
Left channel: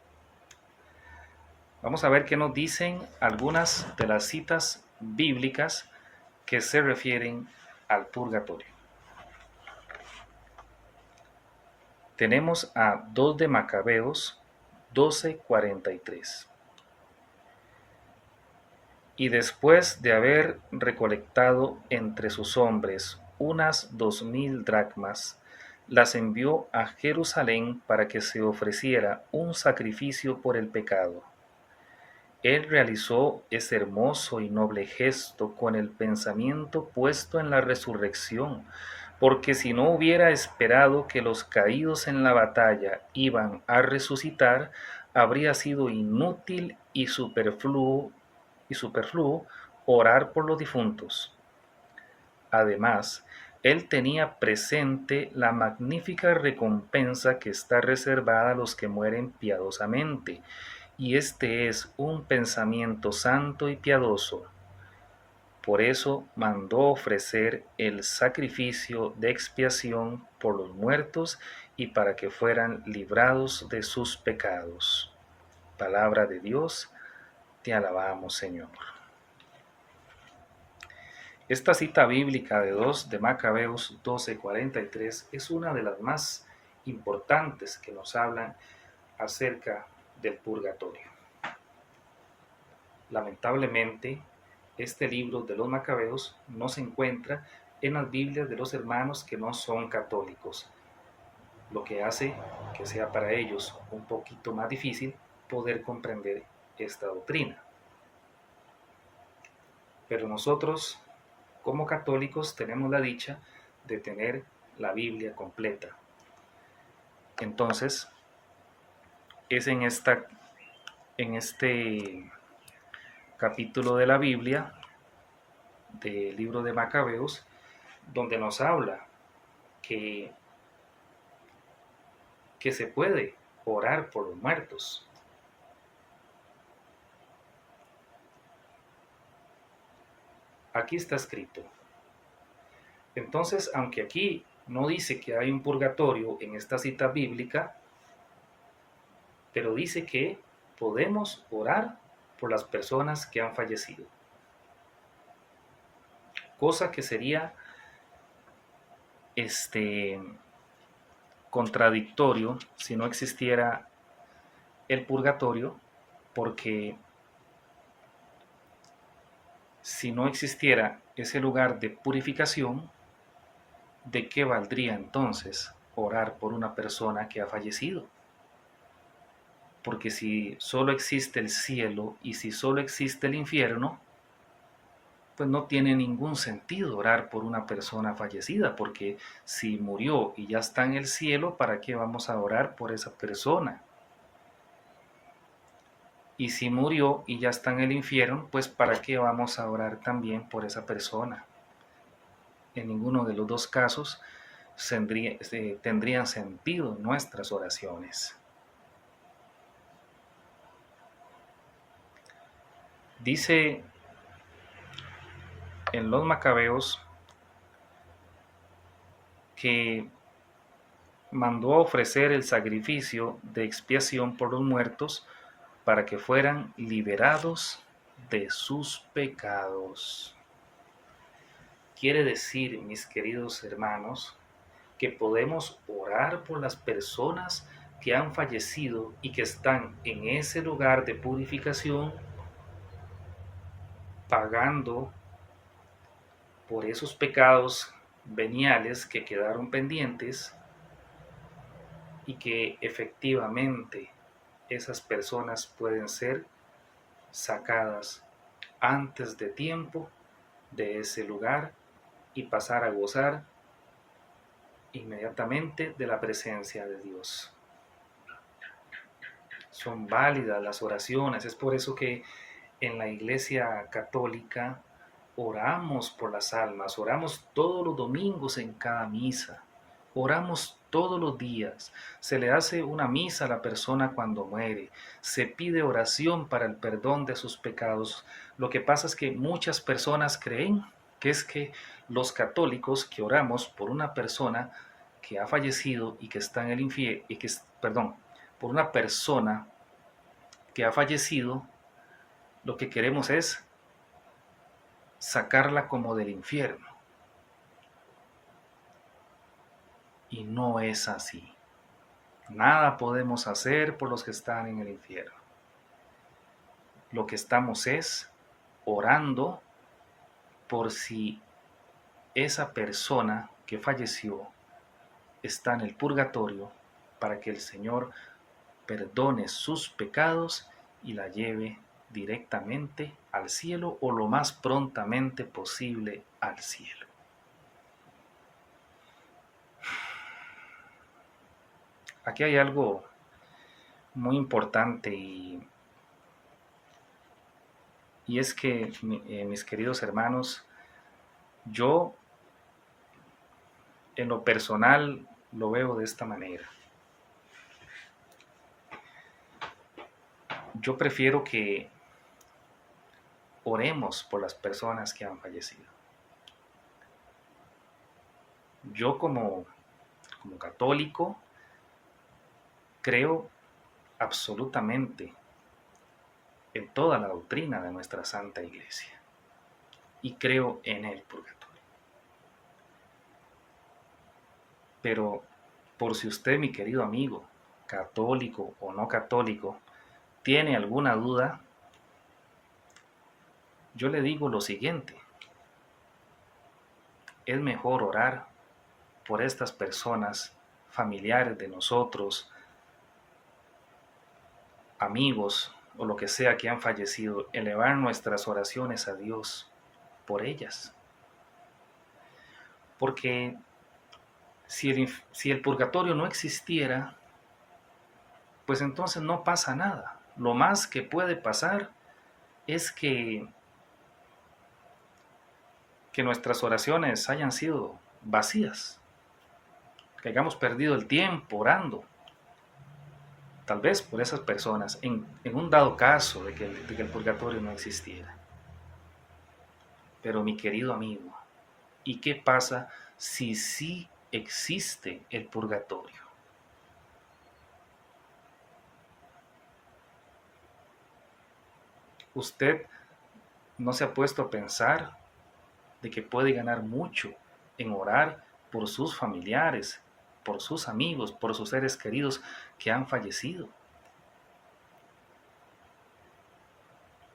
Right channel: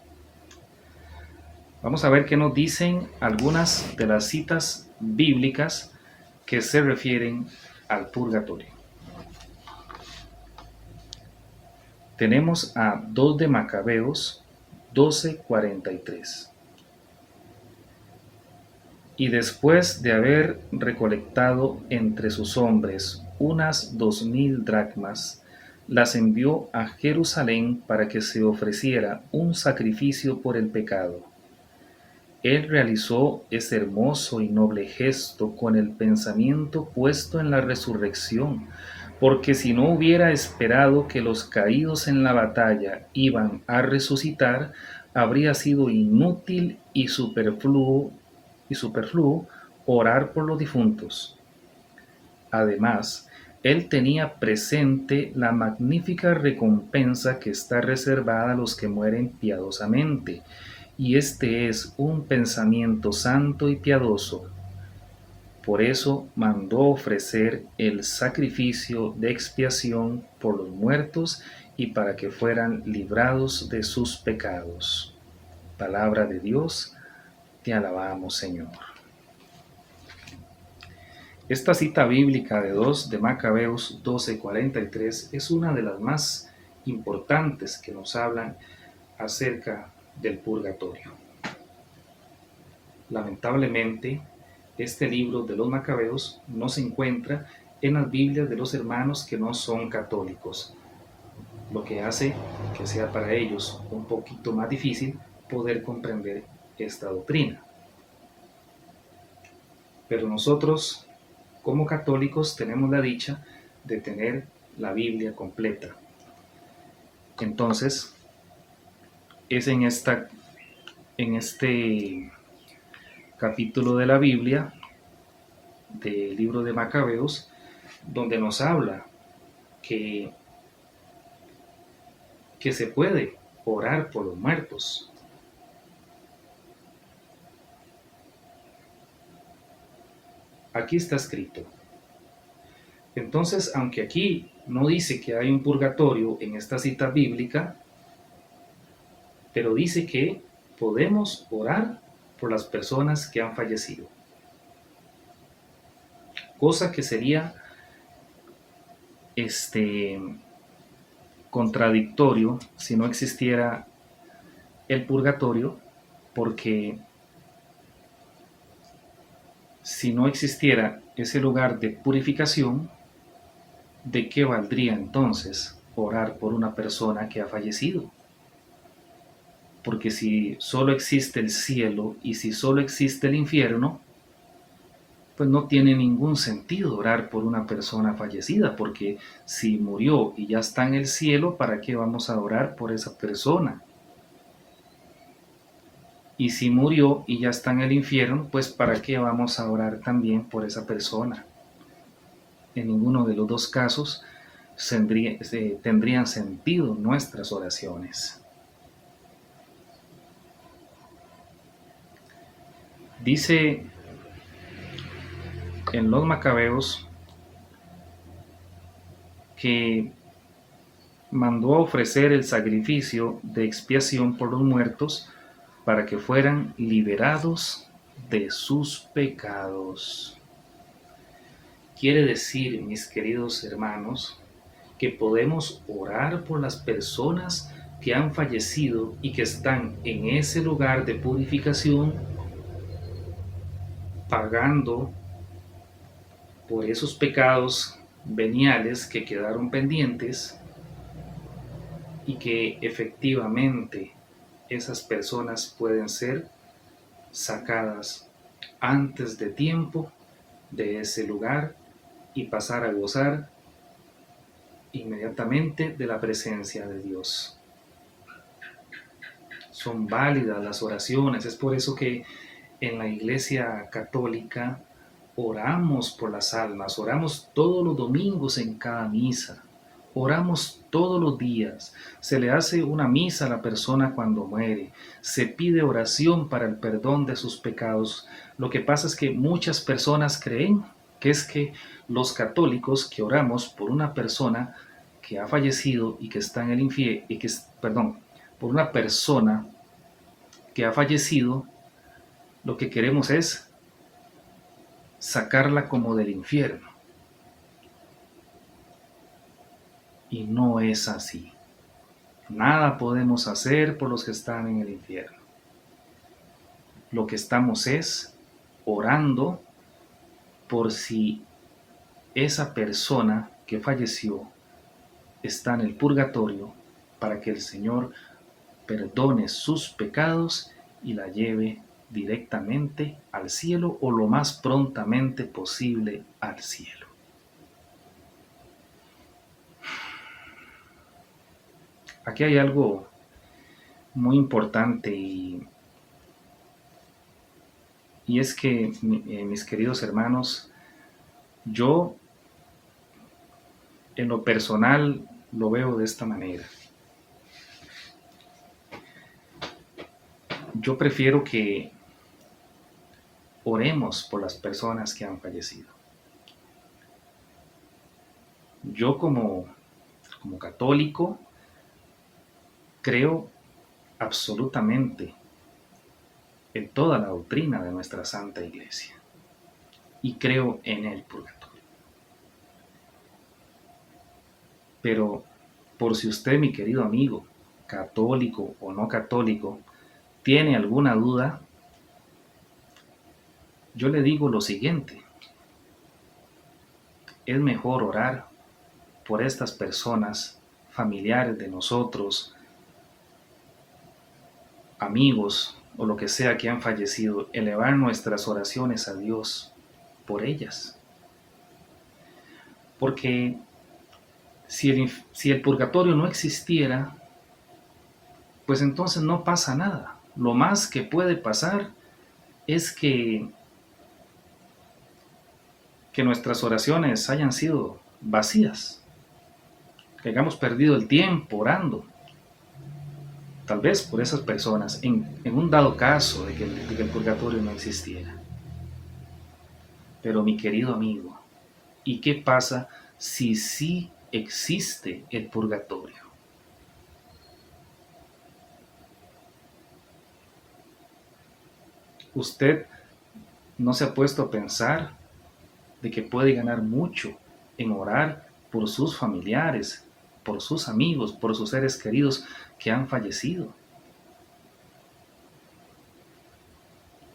Vamos a ver qué nos dicen algunas de las citas bíblicas que se refieren al purgatorio. Tenemos a 2 de Macabeos 12:43. Y después de haber recolectado entre sus hombres unas 2000 dracmas, las envió a Jerusalén para que se ofreciera un sacrificio por el pecado. Él realizó ese hermoso y noble gesto con el pensamiento puesto en la resurrección, porque si no hubiera esperado que los caídos en la batalla iban a resucitar, habría sido inútil y superfluo orar por los difuntos. Además, él tenía presente la magnífica recompensa que está reservada a los que mueren piadosamente, y este es un pensamiento santo y piadoso. Por eso mandó ofrecer el sacrificio de expiación por los muertos y para que fueran librados de sus pecados. Palabra de Dios, te alabamos, Señor. Esta cita bíblica de 2 de Macabeos 12:43 es una de las más importantes que nos hablan acerca del purgatorio. Lamentablemente, este libro de los Macabeos no se encuentra en las Biblias de los hermanos que no son católicos, lo que hace que sea para ellos un poquito más difícil poder comprender esta doctrina. Pero nosotros, como católicos, tenemos la dicha de tener la Biblia completa. Entonces, es en este capítulo de la Biblia, del libro de Macabeos, donde nos habla que se puede orar por los muertos. Aquí está escrito. Entonces, aunque aquí no dice que hay un purgatorio en esta cita bíblica, pero dice que podemos orar por las personas que han fallecido. Cosa que sería contradictorio si no existiera el purgatorio, porque si no existiera ese lugar de purificación, ¿de qué valdría entonces orar por una persona que ha fallecido? Porque si solo existe el cielo y si solo existe el infierno, pues no tiene ningún sentido orar por una persona fallecida, porque si murió y ya está en el cielo, ¿para qué vamos a orar por esa persona? Y si murió y ya está en el infierno, pues ¿para qué vamos a orar también por esa persona? En ninguno de los dos casos tendrían sentido nuestras oraciones. Dice en los Macabeos que mandó a ofrecer el sacrificio de expiación por los muertos para que fueran liberados de sus pecados. Quiere decir, mis queridos hermanos, que podemos orar por las personas que han fallecido y que están en ese lugar de purificación, pagando por esos pecados veniales que quedaron pendientes, y que efectivamente esas personas pueden ser sacadas antes de tiempo de ese lugar y pasar a gozar inmediatamente de la presencia de Dios. Son válidas las oraciones, es por eso que en la Iglesia Católica oramos por las almas, oramos todos los domingos en cada misa, oramos todos los días, se le hace una misa a la persona cuando muere, se pide oración para el perdón de sus pecados, Lo que pasa es que muchas personas creen que es que los católicos que oramos por una persona que ha fallecido y que está en el infierno, perdón, por una persona que ha fallecido, lo que queremos es sacarla como del infierno. Y no es así. Nada podemos hacer por los que están en el infierno. Lo que estamos es orando por si esa persona que falleció está en el purgatorio, para que el Señor perdone sus pecados y la lleve directamente al cielo o lo más prontamente posible al cielo. Aquí hay algo muy importante y es que, mis queridos hermanos, yo en lo personal lo veo de esta manera. Yo prefiero que oremos por las personas que han fallecido. Yo como católico creo absolutamente en toda la doctrina de nuestra Santa Iglesia y creo en el purgatorio. Pero por si usted, mi querido amigo, católico o no católico, tiene alguna duda, yo le digo lo siguiente: es mejor orar por estas personas, familiares de nosotros, amigos o lo que sea que han fallecido, elevar nuestras oraciones a Dios por ellas. Porque si el purgatorio no existiera, pues entonces no pasa nada. Lo más que puede pasar es que nuestras oraciones hayan sido vacías, que hayamos perdido el tiempo orando, tal vez por esas personas, en un dado caso de que el purgatorio no existiera. Pero mi querido amigo, ¿y qué pasa si sí existe el purgatorio? ¿Usted no se ha puesto a pensar de que puede ganar mucho en orar por sus familiares, por sus amigos, por sus seres queridos que han fallecido?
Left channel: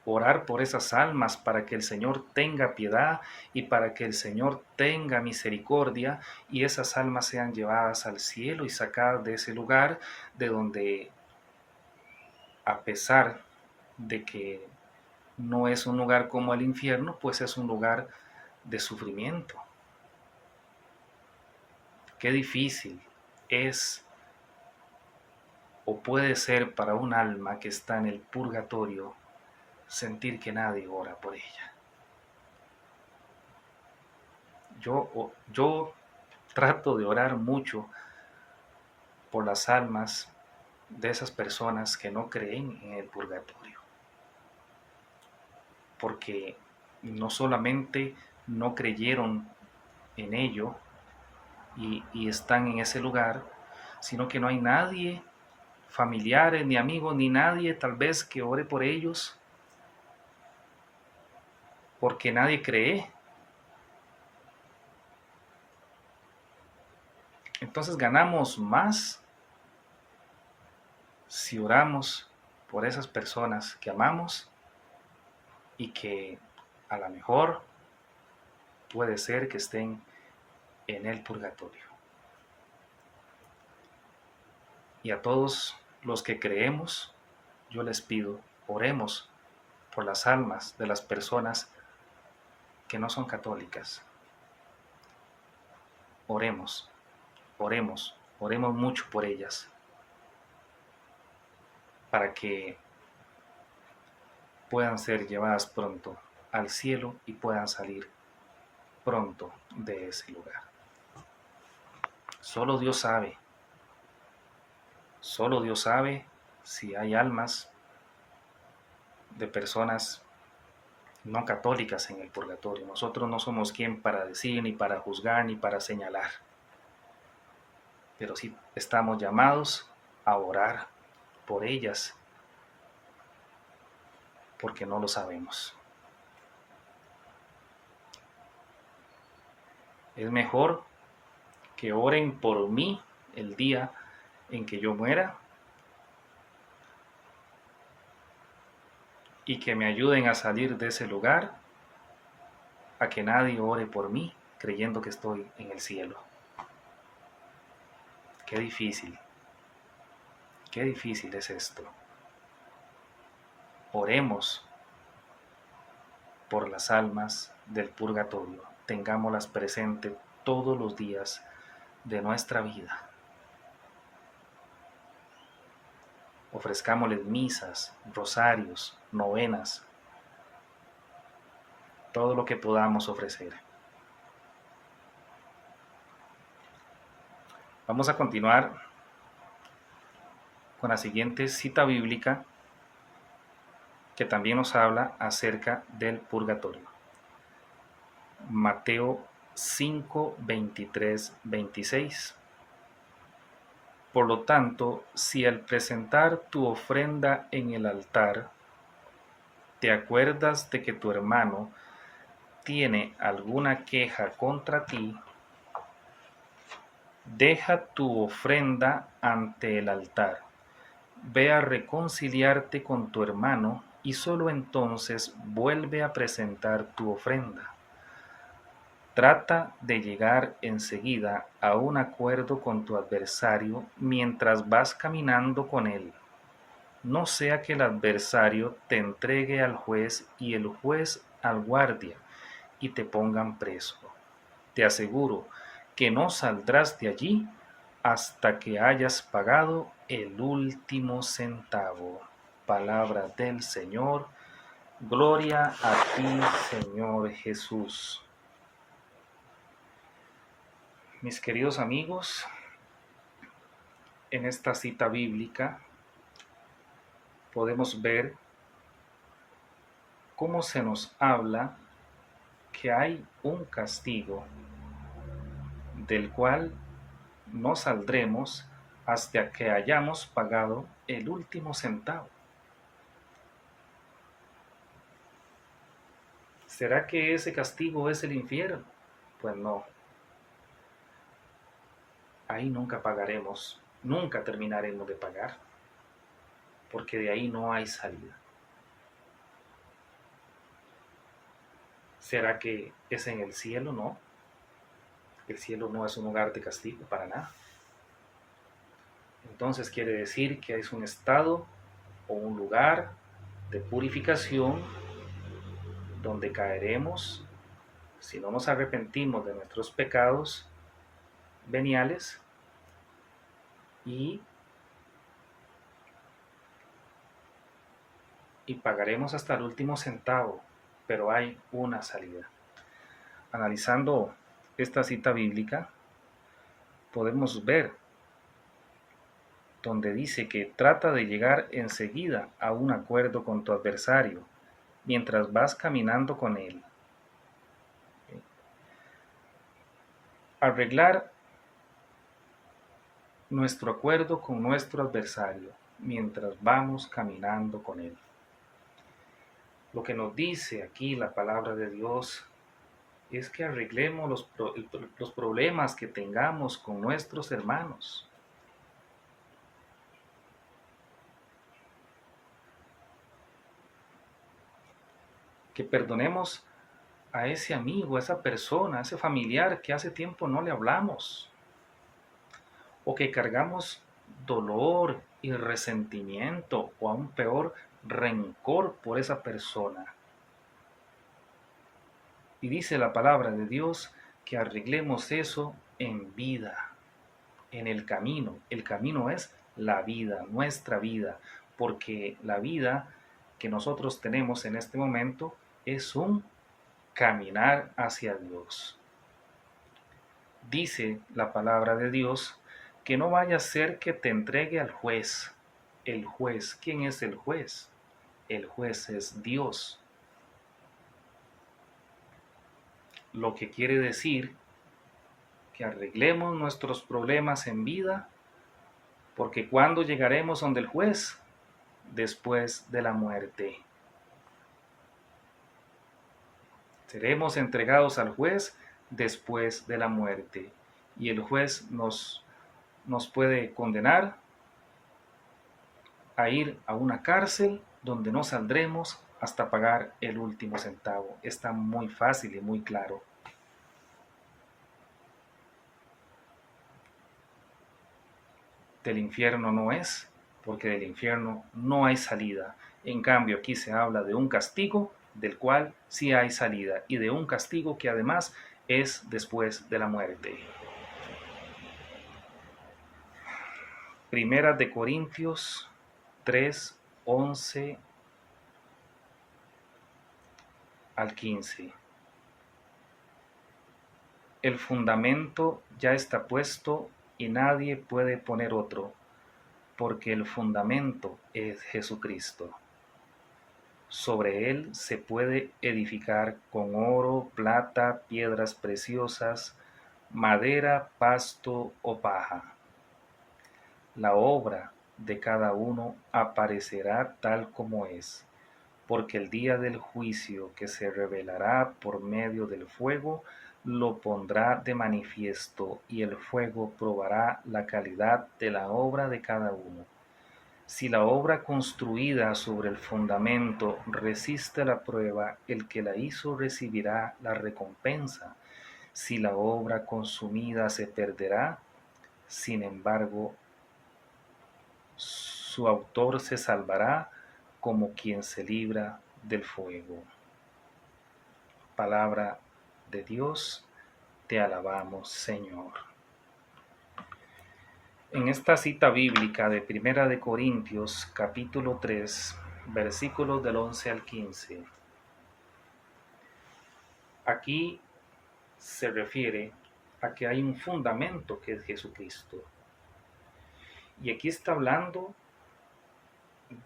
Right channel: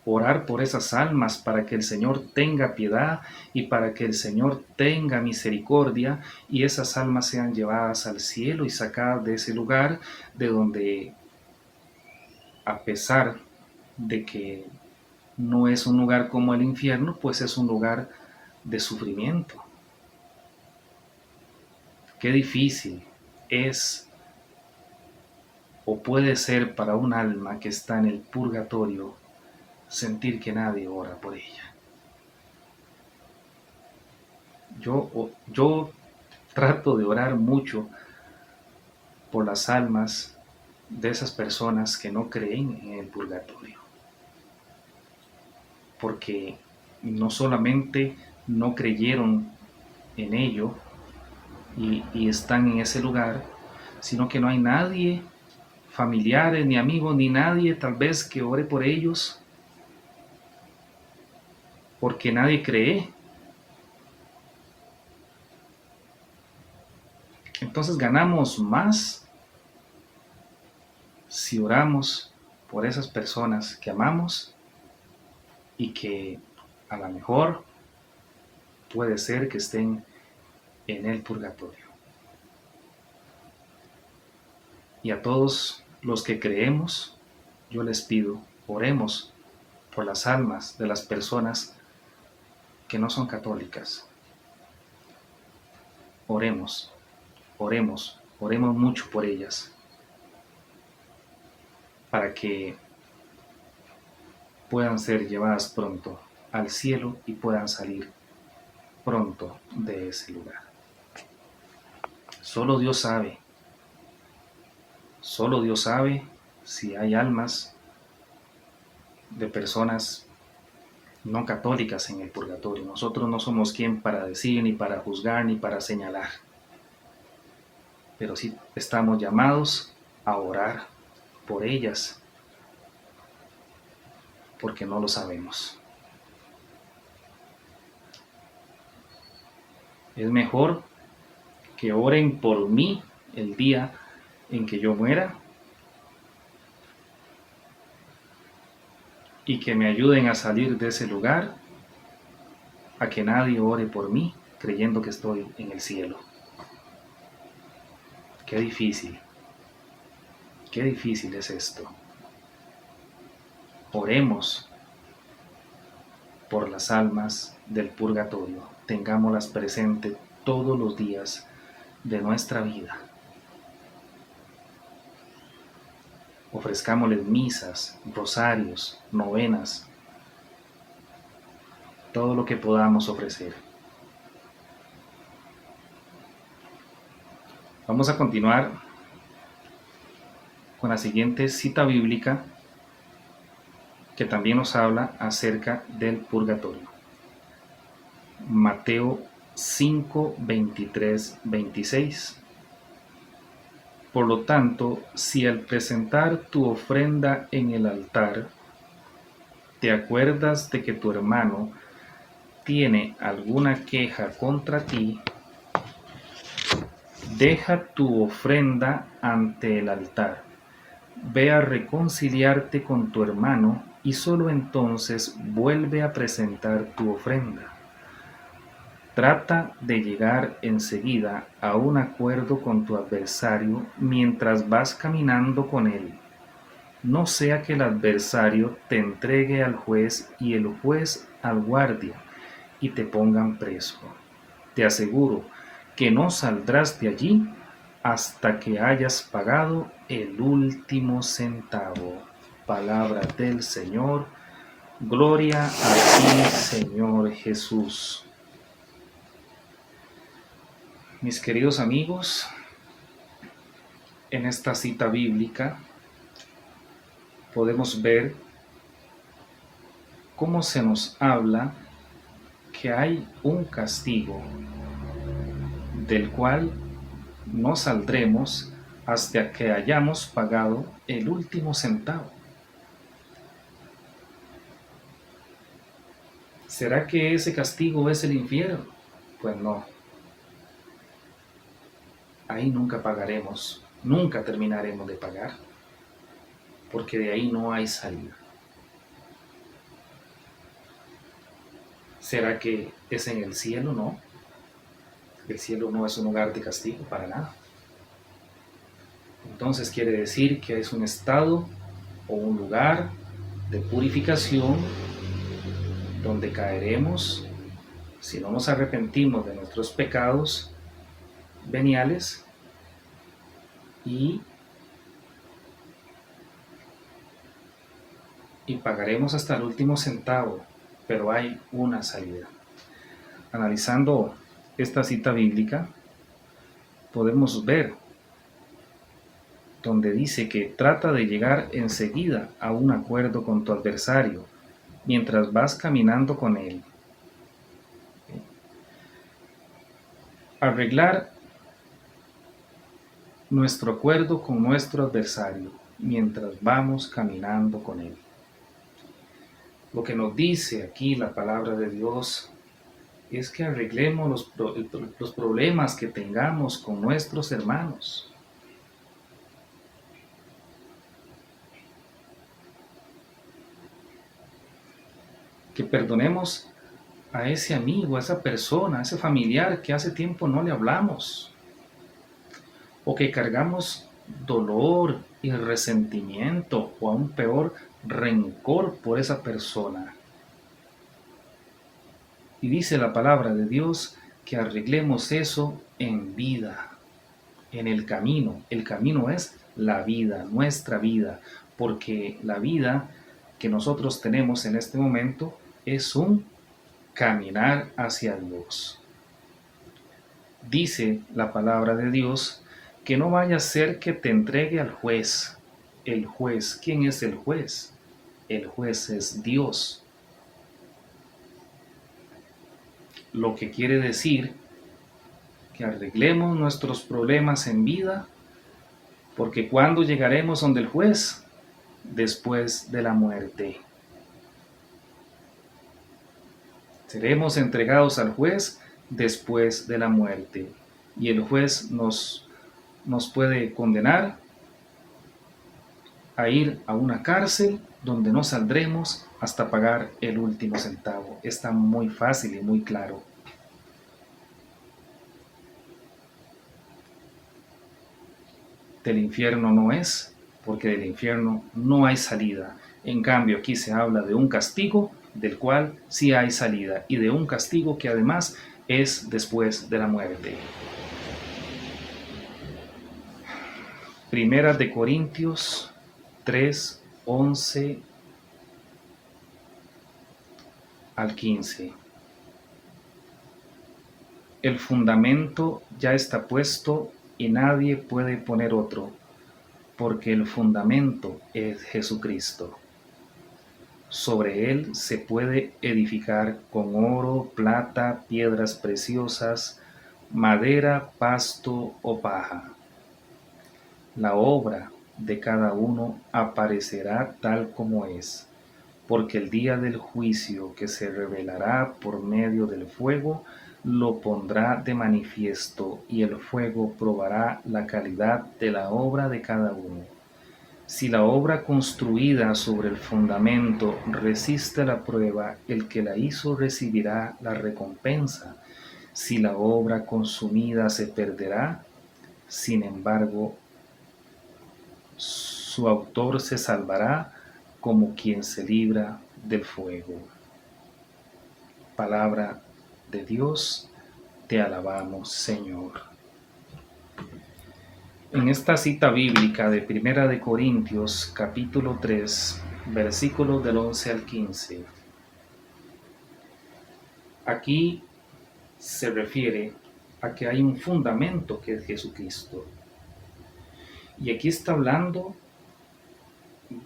Orar por esas almas para que el Señor tenga piedad y para que el Señor tenga misericordia y esas almas sean llevadas al cielo y sacadas de ese lugar de donde, a pesar de que no es un lugar como el infierno, pues es un lugar de sufrimiento. Qué difícil es o puede ser para un alma que está en el purgatorio sentir que nadie ora por ella. Yo trato de orar mucho por las almas de esas personas que no creen en el purgatorio, porque no solamente no creyeron en ello y están en ese lugar, sino que no hay nadie, familiares, ni amigos, ni nadie tal vez que ore por ellos, porque nadie cree. Entonces ganamos más si oramos por esas personas que amamos y que a lo mejor puede ser que estén en el purgatorio. Y a todos los que creemos, yo les pido, oremos por las almas de las personas que no son católicas. Oremos, oremos mucho por ellas, para que puedan ser llevadas pronto al cielo y puedan salir pronto de ese lugar. Solo Dios sabe si hay almas de personas no católicas en el purgatorio. Nosotros no somos quien para decir, ni para juzgar, ni para señalar. Pero sí estamos llamados a orar por ellas, porque no lo sabemos. Es mejor que oren por mí el día en que yo muera y que me ayuden a salir de ese lugar, a que nadie ore por mí creyendo que estoy en el cielo. Qué difícil es esto. Oremos por las almas del purgatorio, tengámoslas presentes todos los días de nuestra vida. Ofrezcámosles misas, rosarios, novenas, todo lo que podamos ofrecer. Vamos a continuar con la siguiente cita bíblica que también nos habla acerca del purgatorio. Mateo 5, 23, 26. Por lo tanto, si al presentar tu ofrenda en el altar, te acuerdas de que tu hermano tiene alguna queja contra ti, deja tu ofrenda ante el altar, ve a reconciliarte con tu hermano y solo entonces vuelve a presentar tu ofrenda. Trata de llegar enseguida a un acuerdo con tu adversario mientras vas caminando con él. No sea que el adversario te entregue al juez y el juez al guardia y te pongan preso. Te aseguro que no saldrás de allí hasta que hayas pagado el último centavo. Palabra del Señor. Gloria a ti, Señor Jesús. Mis queridos amigos, en esta cita bíblica podemos ver cómo se nos habla que hay un castigo del cual no saldremos hasta que hayamos pagado el último centavo. ¿Será que ese castigo es el infierno? Pues no. Ahí nunca pagaremos, nunca terminaremos de pagar, porque de ahí no hay salida. ¿Será que es en el cielo? No. El cielo no es un lugar de castigo para nada. Entonces quiere decir que es un estado o un lugar de purificación donde caeremos si no nos arrepentimos de nuestros pecados veniales y pagaremos hasta el último centavo, pero hay una salida. Analizando esta cita bíblica, podemos ver donde dice que trata de llegar enseguida a un acuerdo con tu adversario mientras vas caminando con él. Arreglar nuestro acuerdo con nuestro adversario mientras vamos caminando con él. Lo que nos dice aquí la palabra de Dios es que arreglemos los problemas que tengamos con nuestros hermanos. Que perdonemos a ese amigo, a esa persona, a ese familiar que hace tiempo no le hablamos. O que cargamos dolor y resentimiento o aún peor, rencor por esa persona. Y dice la palabra de Dios que arreglemos eso en vida, en el camino. El camino es la vida, nuestra vida, porque la vida que nosotros tenemos en este momento es un caminar hacia Dios. Dice la palabra de Dios que no vaya a ser que te entregue al juez. El juez, ¿quién es el juez? El juez es Dios. lo que quiere decir que arreglemos nuestros problemas en vida, porque ¿cuándo llegaremos donde el juez? Después de la muerte. Seremos entregados al juez después de la muerte. Y el juez nos puede condenar a ir a una cárcel donde no saldremos hasta pagar el último centavo. Está muy fácil y muy claro. Del infierno no es, porque del infierno no hay salida. En cambio, aquí se habla de un castigo del cual sí hay salida, y de un castigo que además es después de la muerte. Primera de Corintios 3, 11 al 15. El fundamento ya está puesto y nadie puede poner otro, porque el fundamento es Jesucristo. Sobre él se puede edificar con oro, plata, piedras preciosas, madera, pasto o paja. La obra de cada uno aparecerá tal como es, porque el día del juicio que se revelará por medio del fuego lo pondrá de manifiesto, y el fuego probará la calidad de la obra de cada uno. Si la obra construida sobre el fundamento resiste la prueba, el que la hizo recibirá la recompensa. Si la obra consumida se perderá, sin embargo, su autor se salvará como quien se libra del fuego. Palabra de Dios, te alabamos, Señor. En esta cita bíblica de Primera de Corintios, capítulo 3, versículos del 11 al 15, aquí se refiere a que hay un fundamento que es Jesucristo. Y aquí está hablando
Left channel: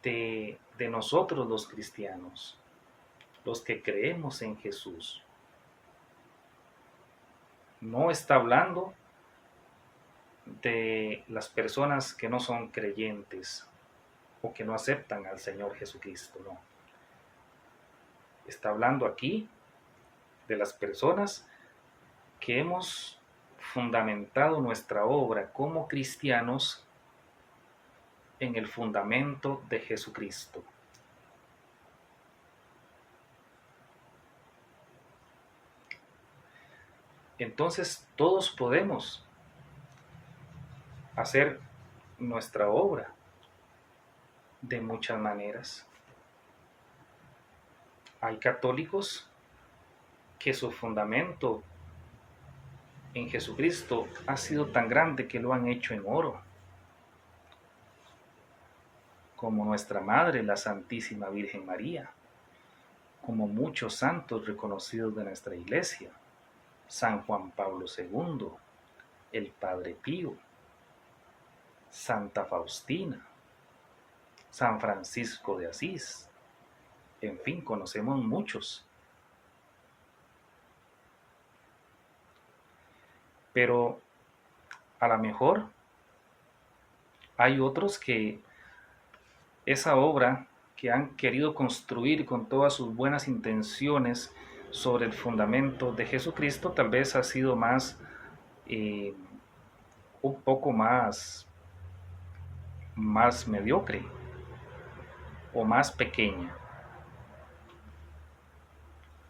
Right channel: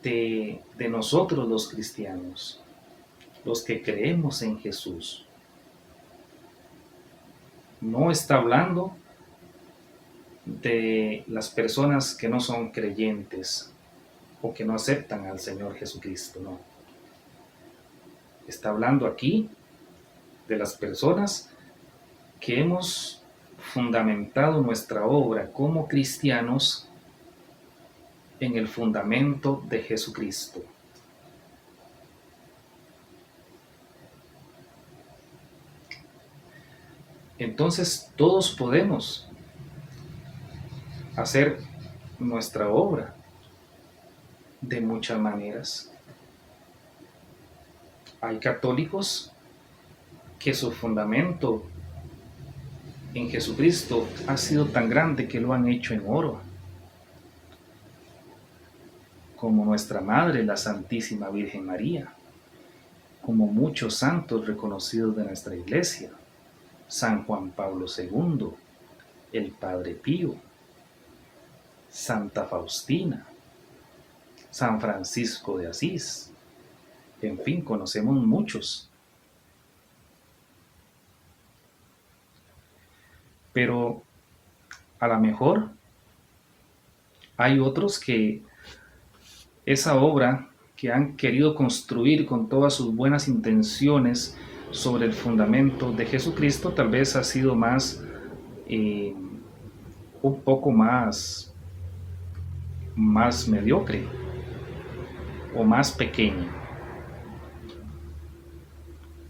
de nosotros los cristianos, los que creemos en Jesús. No está hablando de las personas que no son creyentes o que no aceptan al Señor Jesucristo, no. Está hablando aquí de las personas que hemos fundamentado nuestra obra como cristianos en el fundamento de Jesucristo. Entonces todos podemos hacer nuestra obra de muchas maneras. Hay católicos que su fundamento en Jesucristo ha sido tan grande que lo han hecho en oro, como nuestra Madre, la Santísima Virgen María, como muchos santos reconocidos de nuestra Iglesia, San Juan Pablo II, el Padre Pío, Santa Faustina, San Francisco de Asís. En fin, conocemos muchos. Pero a lo mejor hay otros que esa obra que han querido construir con todas sus buenas intenciones sobre el fundamento de Jesucristo tal vez ha sido más, un poco más mediocre o más pequeño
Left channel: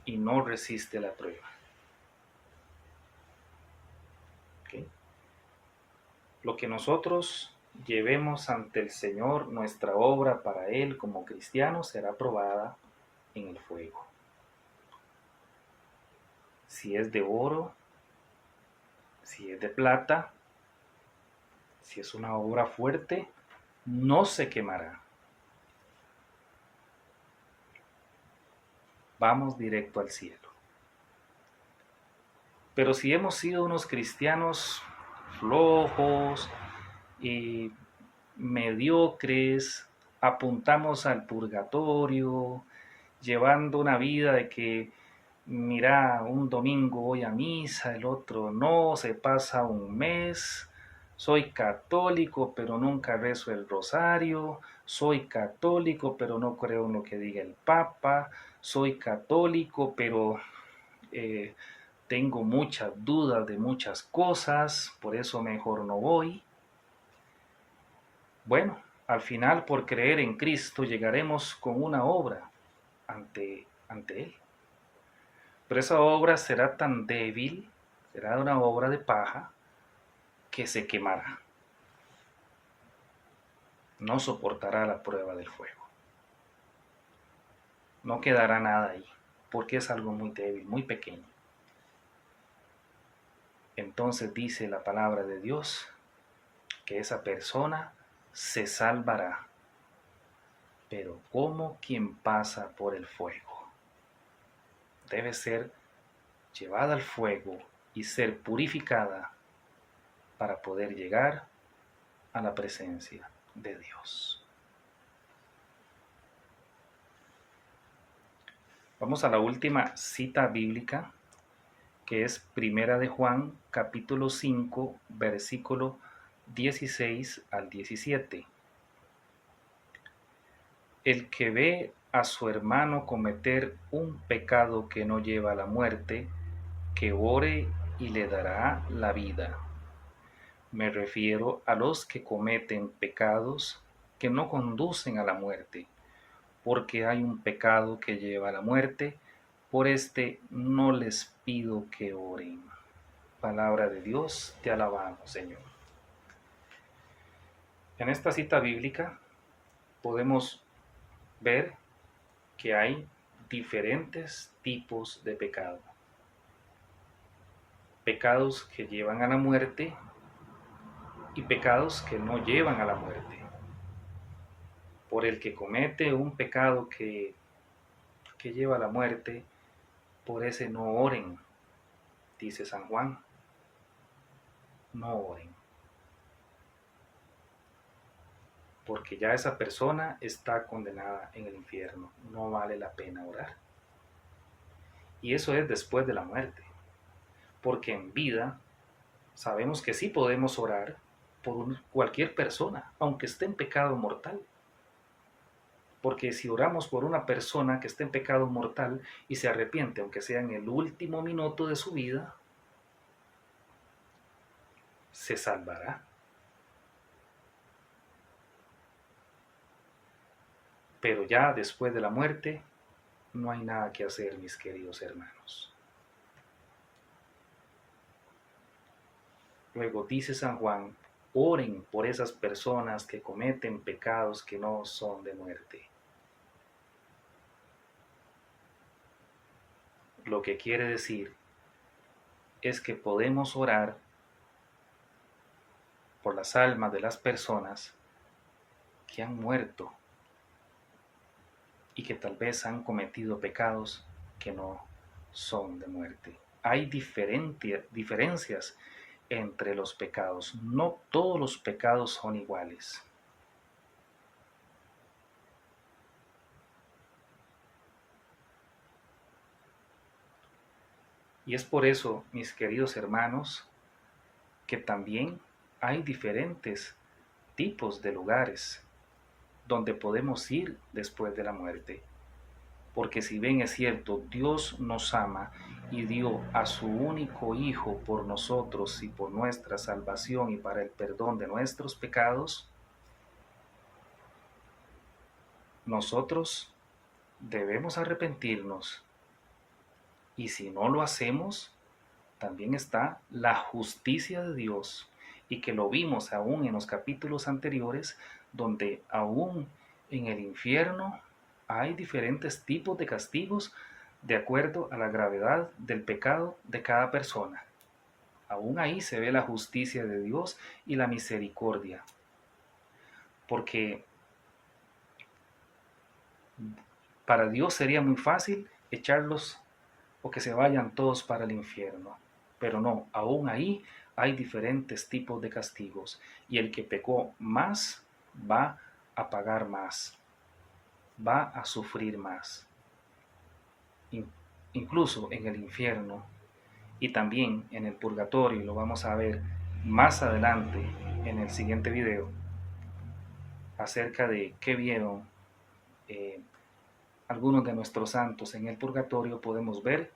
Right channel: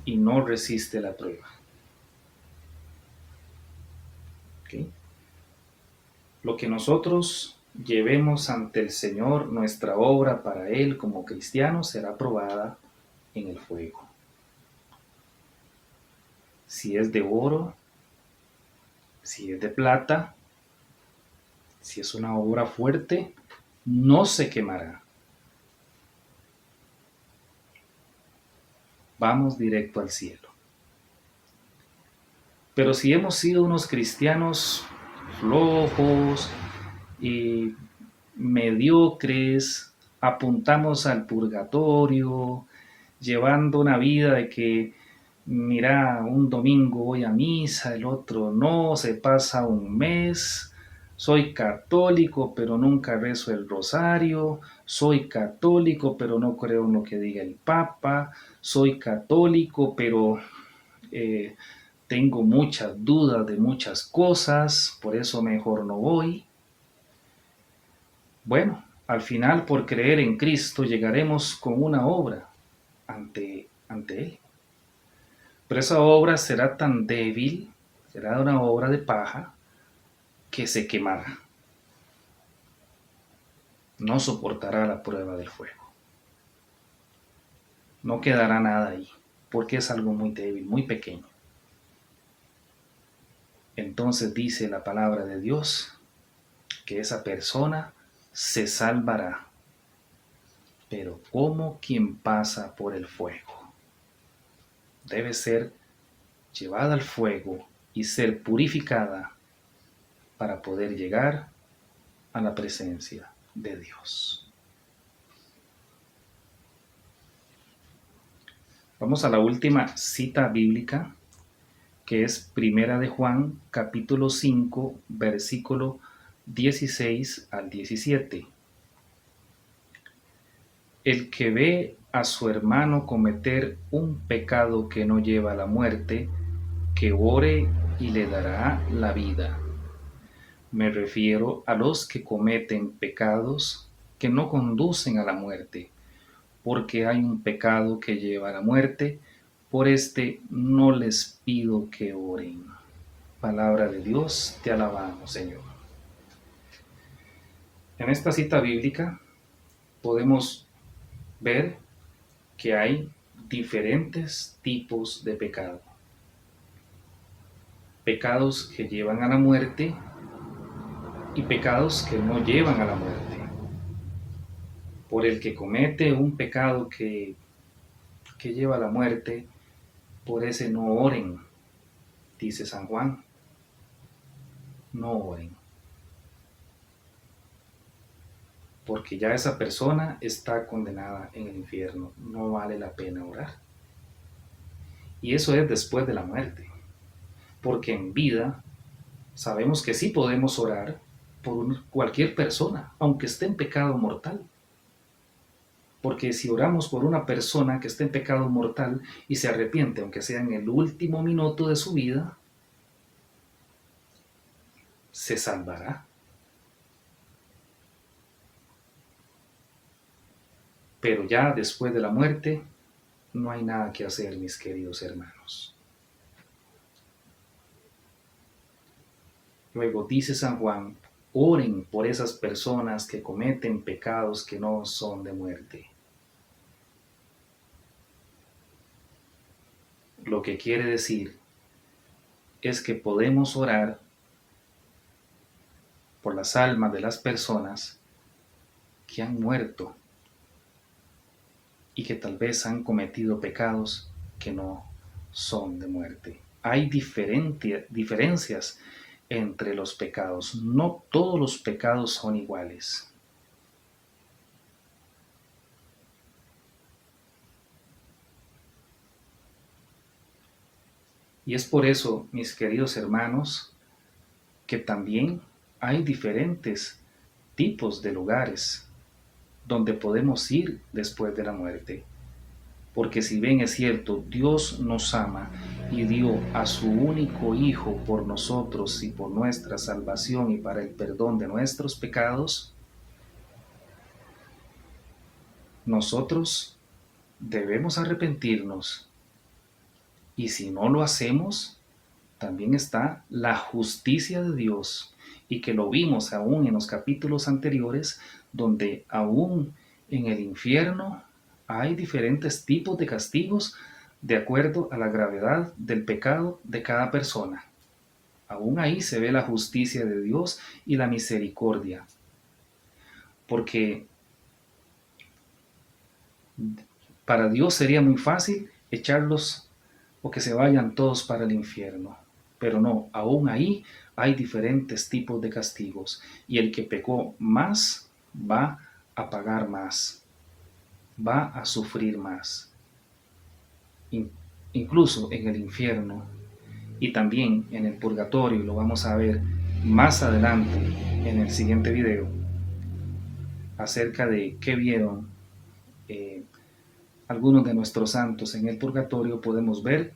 y no resiste la prueba. ¿Okay? Lo que nosotros llevemos ante el Señor, nuestra obra para Él como cristianos será probada en el fuego. Si es de oro, si es de plata, si es una obra fuerte, no se quemará. Vamos directo al cielo. Pero si hemos sido unos cristianos flojos y mediocres, apuntamos al purgatorio, llevando una vida de que mira, un domingo voy a misa, el otro no, se pasa un mes, soy católico pero nunca rezo el rosario, soy católico pero no creo en lo que diga el Papa, soy católico pero eh, tengo muchas dudas de muchas cosas, por eso mejor no voy. Bueno, al final por creer en Cristo llegaremos con una obra ante Él. Pero esa obra será tan débil, será una obra de paja, que se quemará. No soportará la prueba del fuego. No quedará nada ahí, porque es algo muy débil, muy pequeño. Entonces dice la palabra de Dios que esa persona se salvará, pero como quien pasa por el fuego. Debe ser llevada al fuego y ser purificada para poder llegar a la presencia de Dios. Vamos a la última cita bíblica, que es Primera de Juan, capítulo 5, versículo 16 al 17. El que ve a su hermano cometer un pecado que no lleva a la muerte, que ore y le dará la vida. Me refiero a los que cometen pecados que no conducen a la muerte, porque hay un pecado que lleva a la muerte, por este no les pido que oren. Palabra de Dios, te alabamos, Señor. En esta cita bíblica podemos ver que hay diferentes tipos de pecado. Pecados que llevan a la muerte y pecados que no llevan a la muerte. Por el que comete un pecado que lleva a la muerte, por ese no oren, dice San Juan. No oren. Porque ya esa persona está condenada en el infierno. No vale la pena orar. Y eso es después de la muerte. Porque en vida sabemos que sí podemos orar por cualquier persona, aunque esté en pecado mortal. Porque si oramos por una persona que está en pecado mortal y se arrepiente, aunque sea en el último minuto de su vida, se salvará. Pero ya después de la muerte no hay nada que hacer, mis queridos hermanos. Luego dice San Juan, oren por esas personas que cometen pecados que no son de muerte. Lo que quiere decir es que podemos orar por las almas de las personas que han muerto y que tal vez han cometido pecados que no son de muerte. Hay diferencias entre los pecados. No todos los pecados son iguales. Y es por eso, mis queridos hermanos, que también hay diferentes tipos de lugares donde podemos ir después de la muerte. Porque si bien es cierto, Dios nos ama y dio a su único Hijo por nosotros y por nuestra salvación y para el perdón de nuestros pecados, nosotros debemos arrepentirnos. Y si no lo hacemos, también está la justicia de Dios, y que lo vimos aún en los capítulos anteriores, donde aún en el infierno hay diferentes tipos de castigos de acuerdo a la gravedad del pecado de cada persona. Aún ahí se ve la justicia de Dios y la misericordia, porque para Dios sería muy fácil echarlos o que se vayan todos para el infierno. Pero no, aún ahí hay diferentes tipos de castigos y el que pecó más va a pagar más, va a sufrir más. incluso en el infierno y también en el purgatorio. Lo vamos a ver más adelante en el siguiente video acerca de qué vieron algunos de nuestros santos en el purgatorio. Podemos ver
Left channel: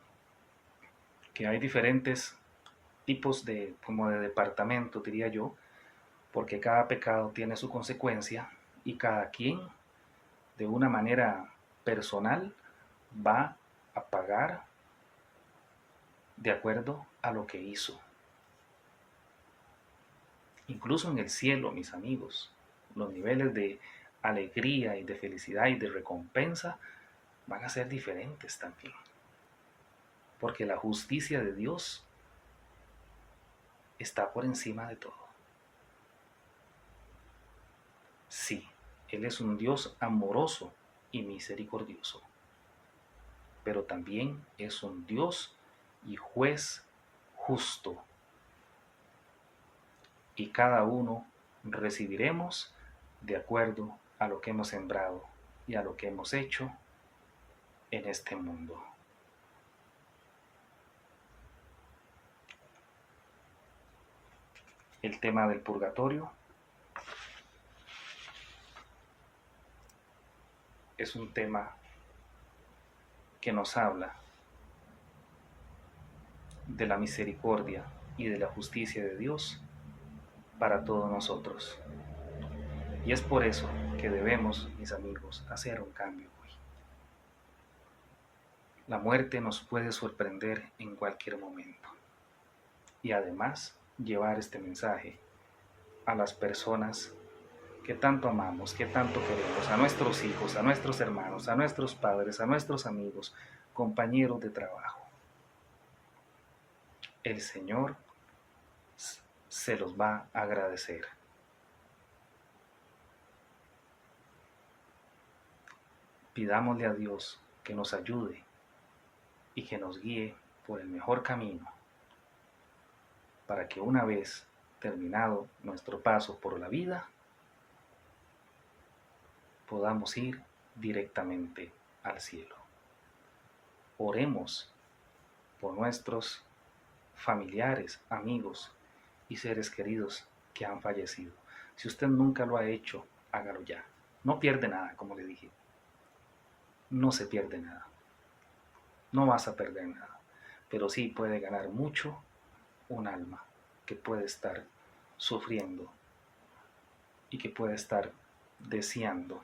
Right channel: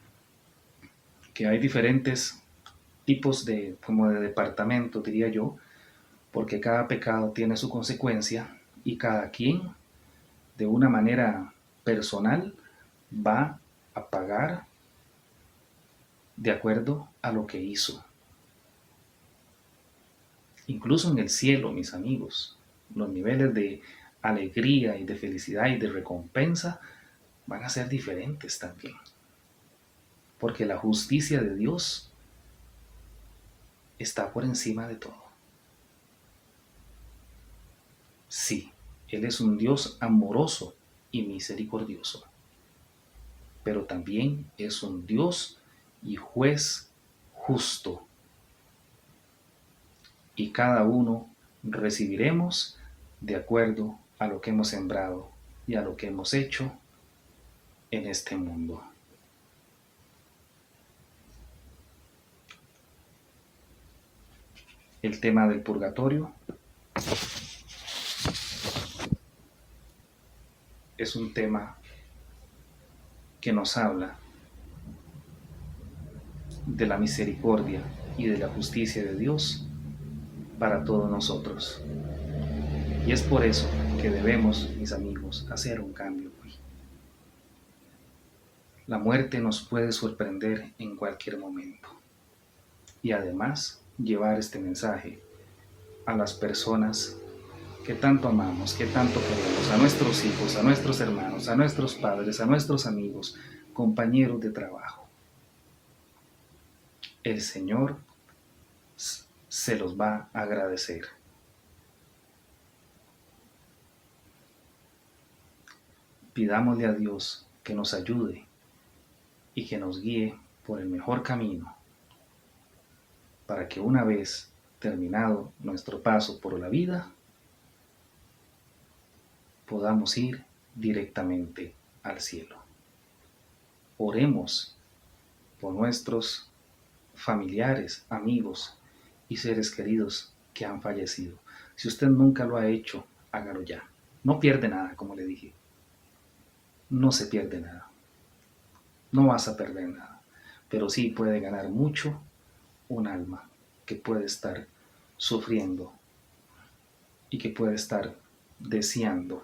que hay diferentes tipos de, como de departamentos, diría yo, porque cada pecado tiene su consecuencia y cada quien de una manera personal va a pagar de acuerdo a lo que hizo. Incluso en el cielo, mis amigos, los niveles de alegría y de felicidad y de recompensa van a ser diferentes también. Porque la justicia de Dios está por encima de todo. Sí, Él es un Dios amoroso y misericordioso, pero también es un Dios y juez justo. Y cada uno recibiremos de acuerdo a lo que hemos sembrado y a lo que hemos hecho en este mundo. El tema del purgatorio es un tema que nos habla de la misericordia y de la justicia de Dios para todos nosotros. Y es por eso que debemos, mis amigos, hacer un cambio hoy. La muerte nos puede sorprender en cualquier momento. Y además, llevar este mensaje a las personas que tanto amamos, que tanto queremos, a nuestros hijos, a nuestros hermanos, a nuestros padres, a nuestros amigos, compañeros de trabajo. El Señor se los va a agradecer. Pidámosle a Dios que nos ayude y que nos guíe por el mejor camino, para que una vez terminado nuestro paso por la vida, podamos ir directamente al cielo. Oremos por nuestros familiares, amigos y seres queridos que han fallecido. Si usted nunca lo ha hecho, hágalo ya. No pierde nada, como le dije. No se pierde nada. No vas a perder nada. Pero sí puede ganar mucho un alma que puede estar sufriendo y que puede estar deseando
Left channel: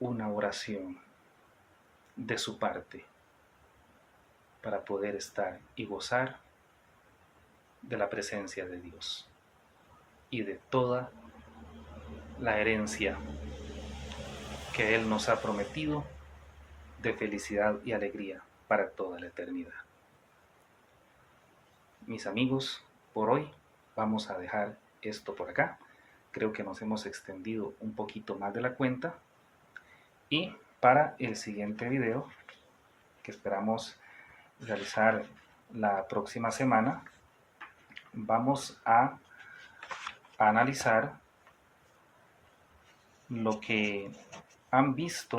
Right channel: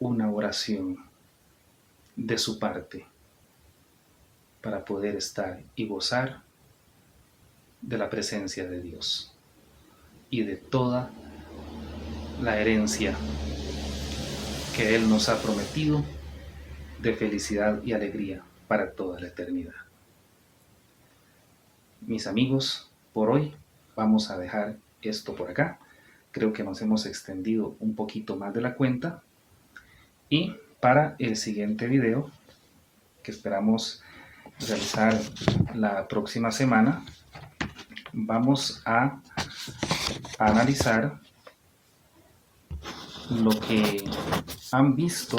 una oración de su parte para poder estar y gozar de la presencia de Dios y de toda la herencia que Él nos ha prometido de felicidad y alegría para toda la eternidad. Mis amigos, por hoy vamos a dejar esto por acá. Creo que nos hemos extendido un poquito más de la cuenta. Y para el siguiente video, que esperamos realizar la próxima semana, vamos a analizar lo que han visto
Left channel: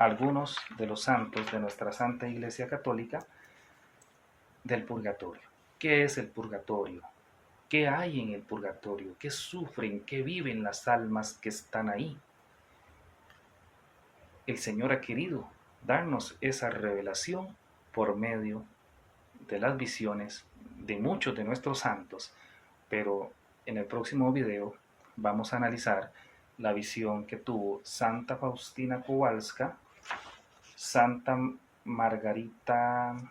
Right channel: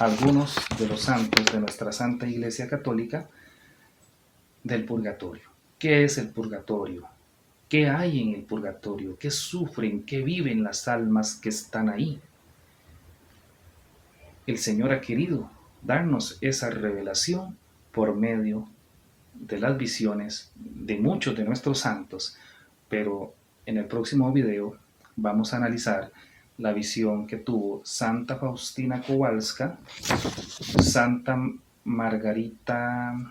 algunos de los santos de nuestra Santa Iglesia Católica del purgatorio. ¿Qué es el purgatorio? ¿Qué hay en el purgatorio? ¿Qué sufren? ¿Qué viven las almas que están ahí? El Señor ha querido darnos esa revelación por medio de las visiones de muchos de nuestros santos, pero en el próximo video vamos a analizar la visión que tuvo Santa Faustina Kowalska, Santa Margarita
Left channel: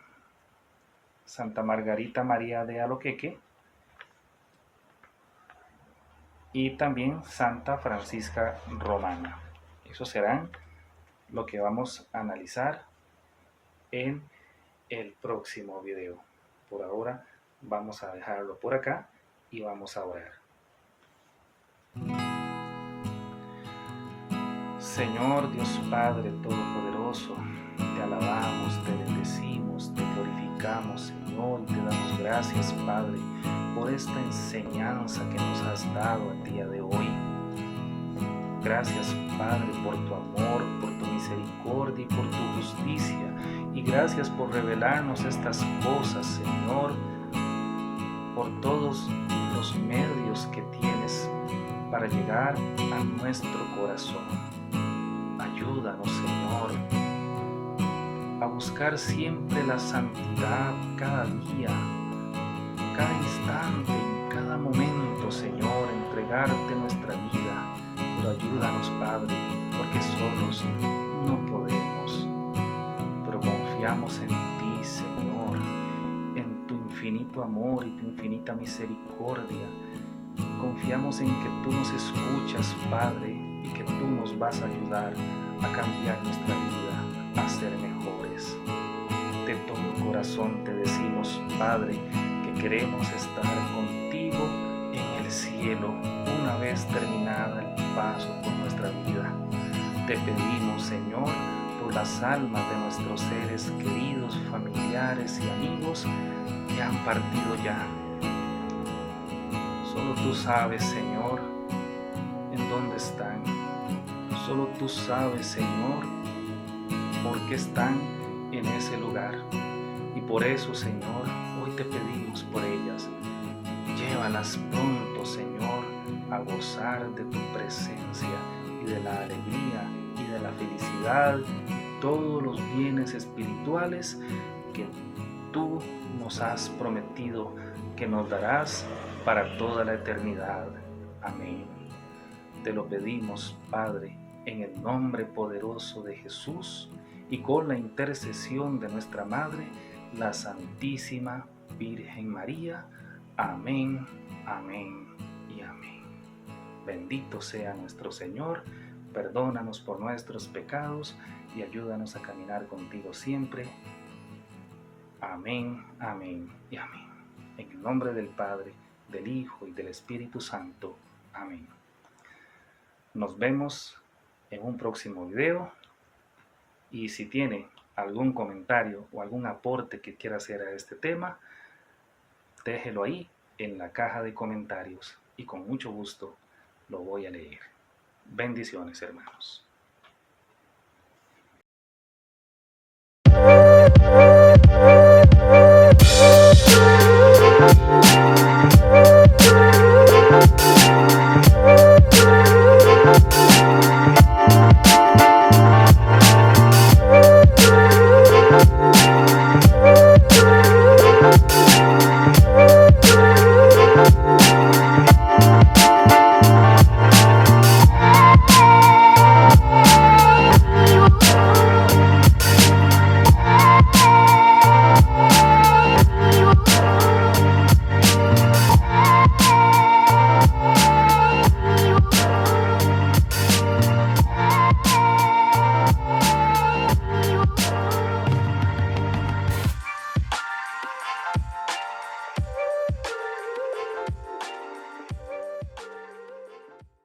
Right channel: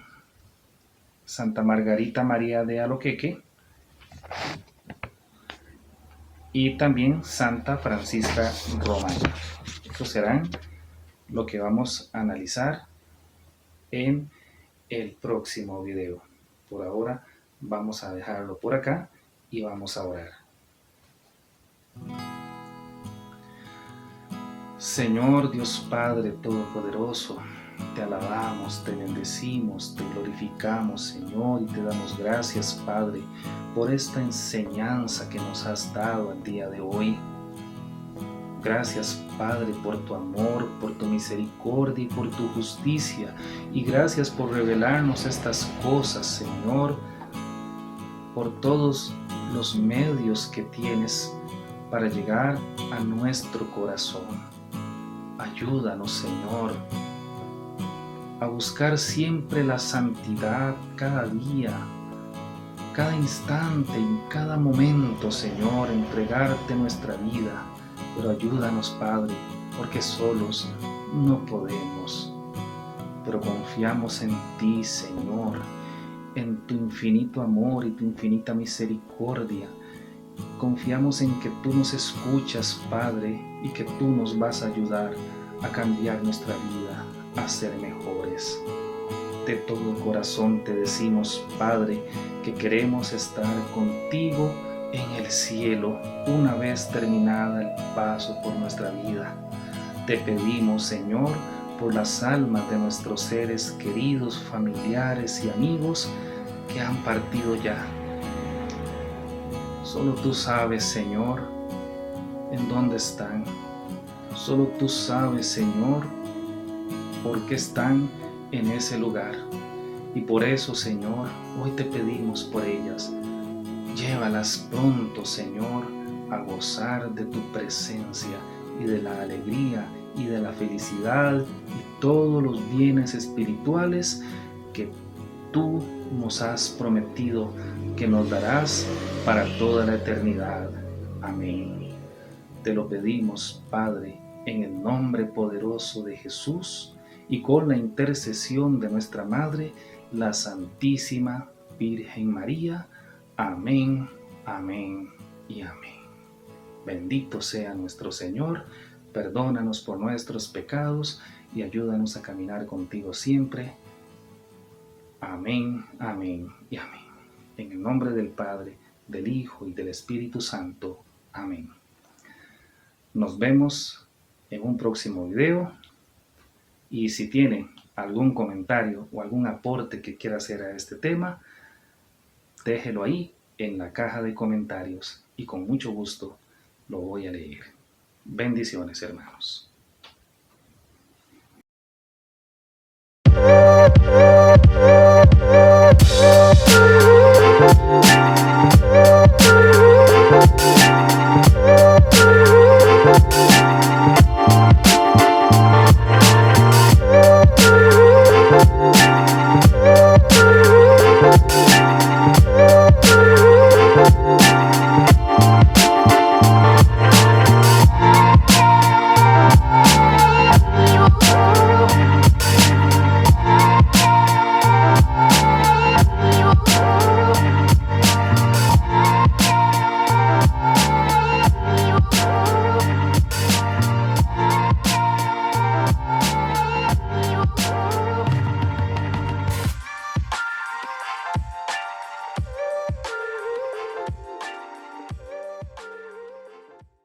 María de Aloqueque y también Santa Francisca Romana. Estos serán lo que vamos a analizar en el próximo video. Por ahora vamos a dejarlo por acá y vamos a orar. Señor Dios Padre Todopoderoso, te alabamos, te bendecimos, te glorificamos, Señor, y te damos gracias, Padre, por esta enseñanza que nos has dado el día de hoy. Gracias, Padre, por tu amor, por tu misericordia y por tu justicia. Y gracias por revelarnos estas cosas, Señor, por todos los medios que tienes para llegar a nuestro corazón. Ayúdanos, Señor, a buscar siempre la santidad cada día, cada instante, en cada momento, Señor, entregarte nuestra vida. Pero ayúdanos, Padre, porque solos no podemos. Pero confiamos en ti, Señor, en tu infinito amor y tu infinita misericordia. Confiamos en que tú nos escuchas, Padre, y que tú nos vas a ayudar a cambiar nuestra vida, a ser mejores. De todo corazón te decimos, Padre, que queremos estar contigo en el cielo una vez terminada el paso por nuestra vida. Te pedimos, Señor, por las almas de nuestros seres queridos, familiares y amigos que han partido ya. Solo tú sabes, Señor, en dónde están. Solo tú sabes, Señor, por qué están en ese lugar. Y por eso, Señor, hoy te pedimos por ellas. Llévalas pronto, Señor, a gozar de tu presencia y de la alegría y de la felicidad y todos los bienes espirituales que tú nos has prometido que nos darás para toda la eternidad. Amén. Te lo pedimos, Padre, en el nombre poderoso de Jesús y con la intercesión de nuestra Madre, la Santísima Virgen María. Amén, amén y amén. Bendito sea nuestro Señor, perdónanos por nuestros pecados y ayúdanos a caminar contigo siempre. Amén, amén y amén. En el nombre del Padre, del Hijo y del Espíritu Santo. Amén. Nos vemos en un próximo video. Y si tiene algún comentario o algún aporte que quiera hacer a este tema, déjelo ahí en la caja de comentarios y con mucho gusto lo voy a leer. Bendiciones, hermanos.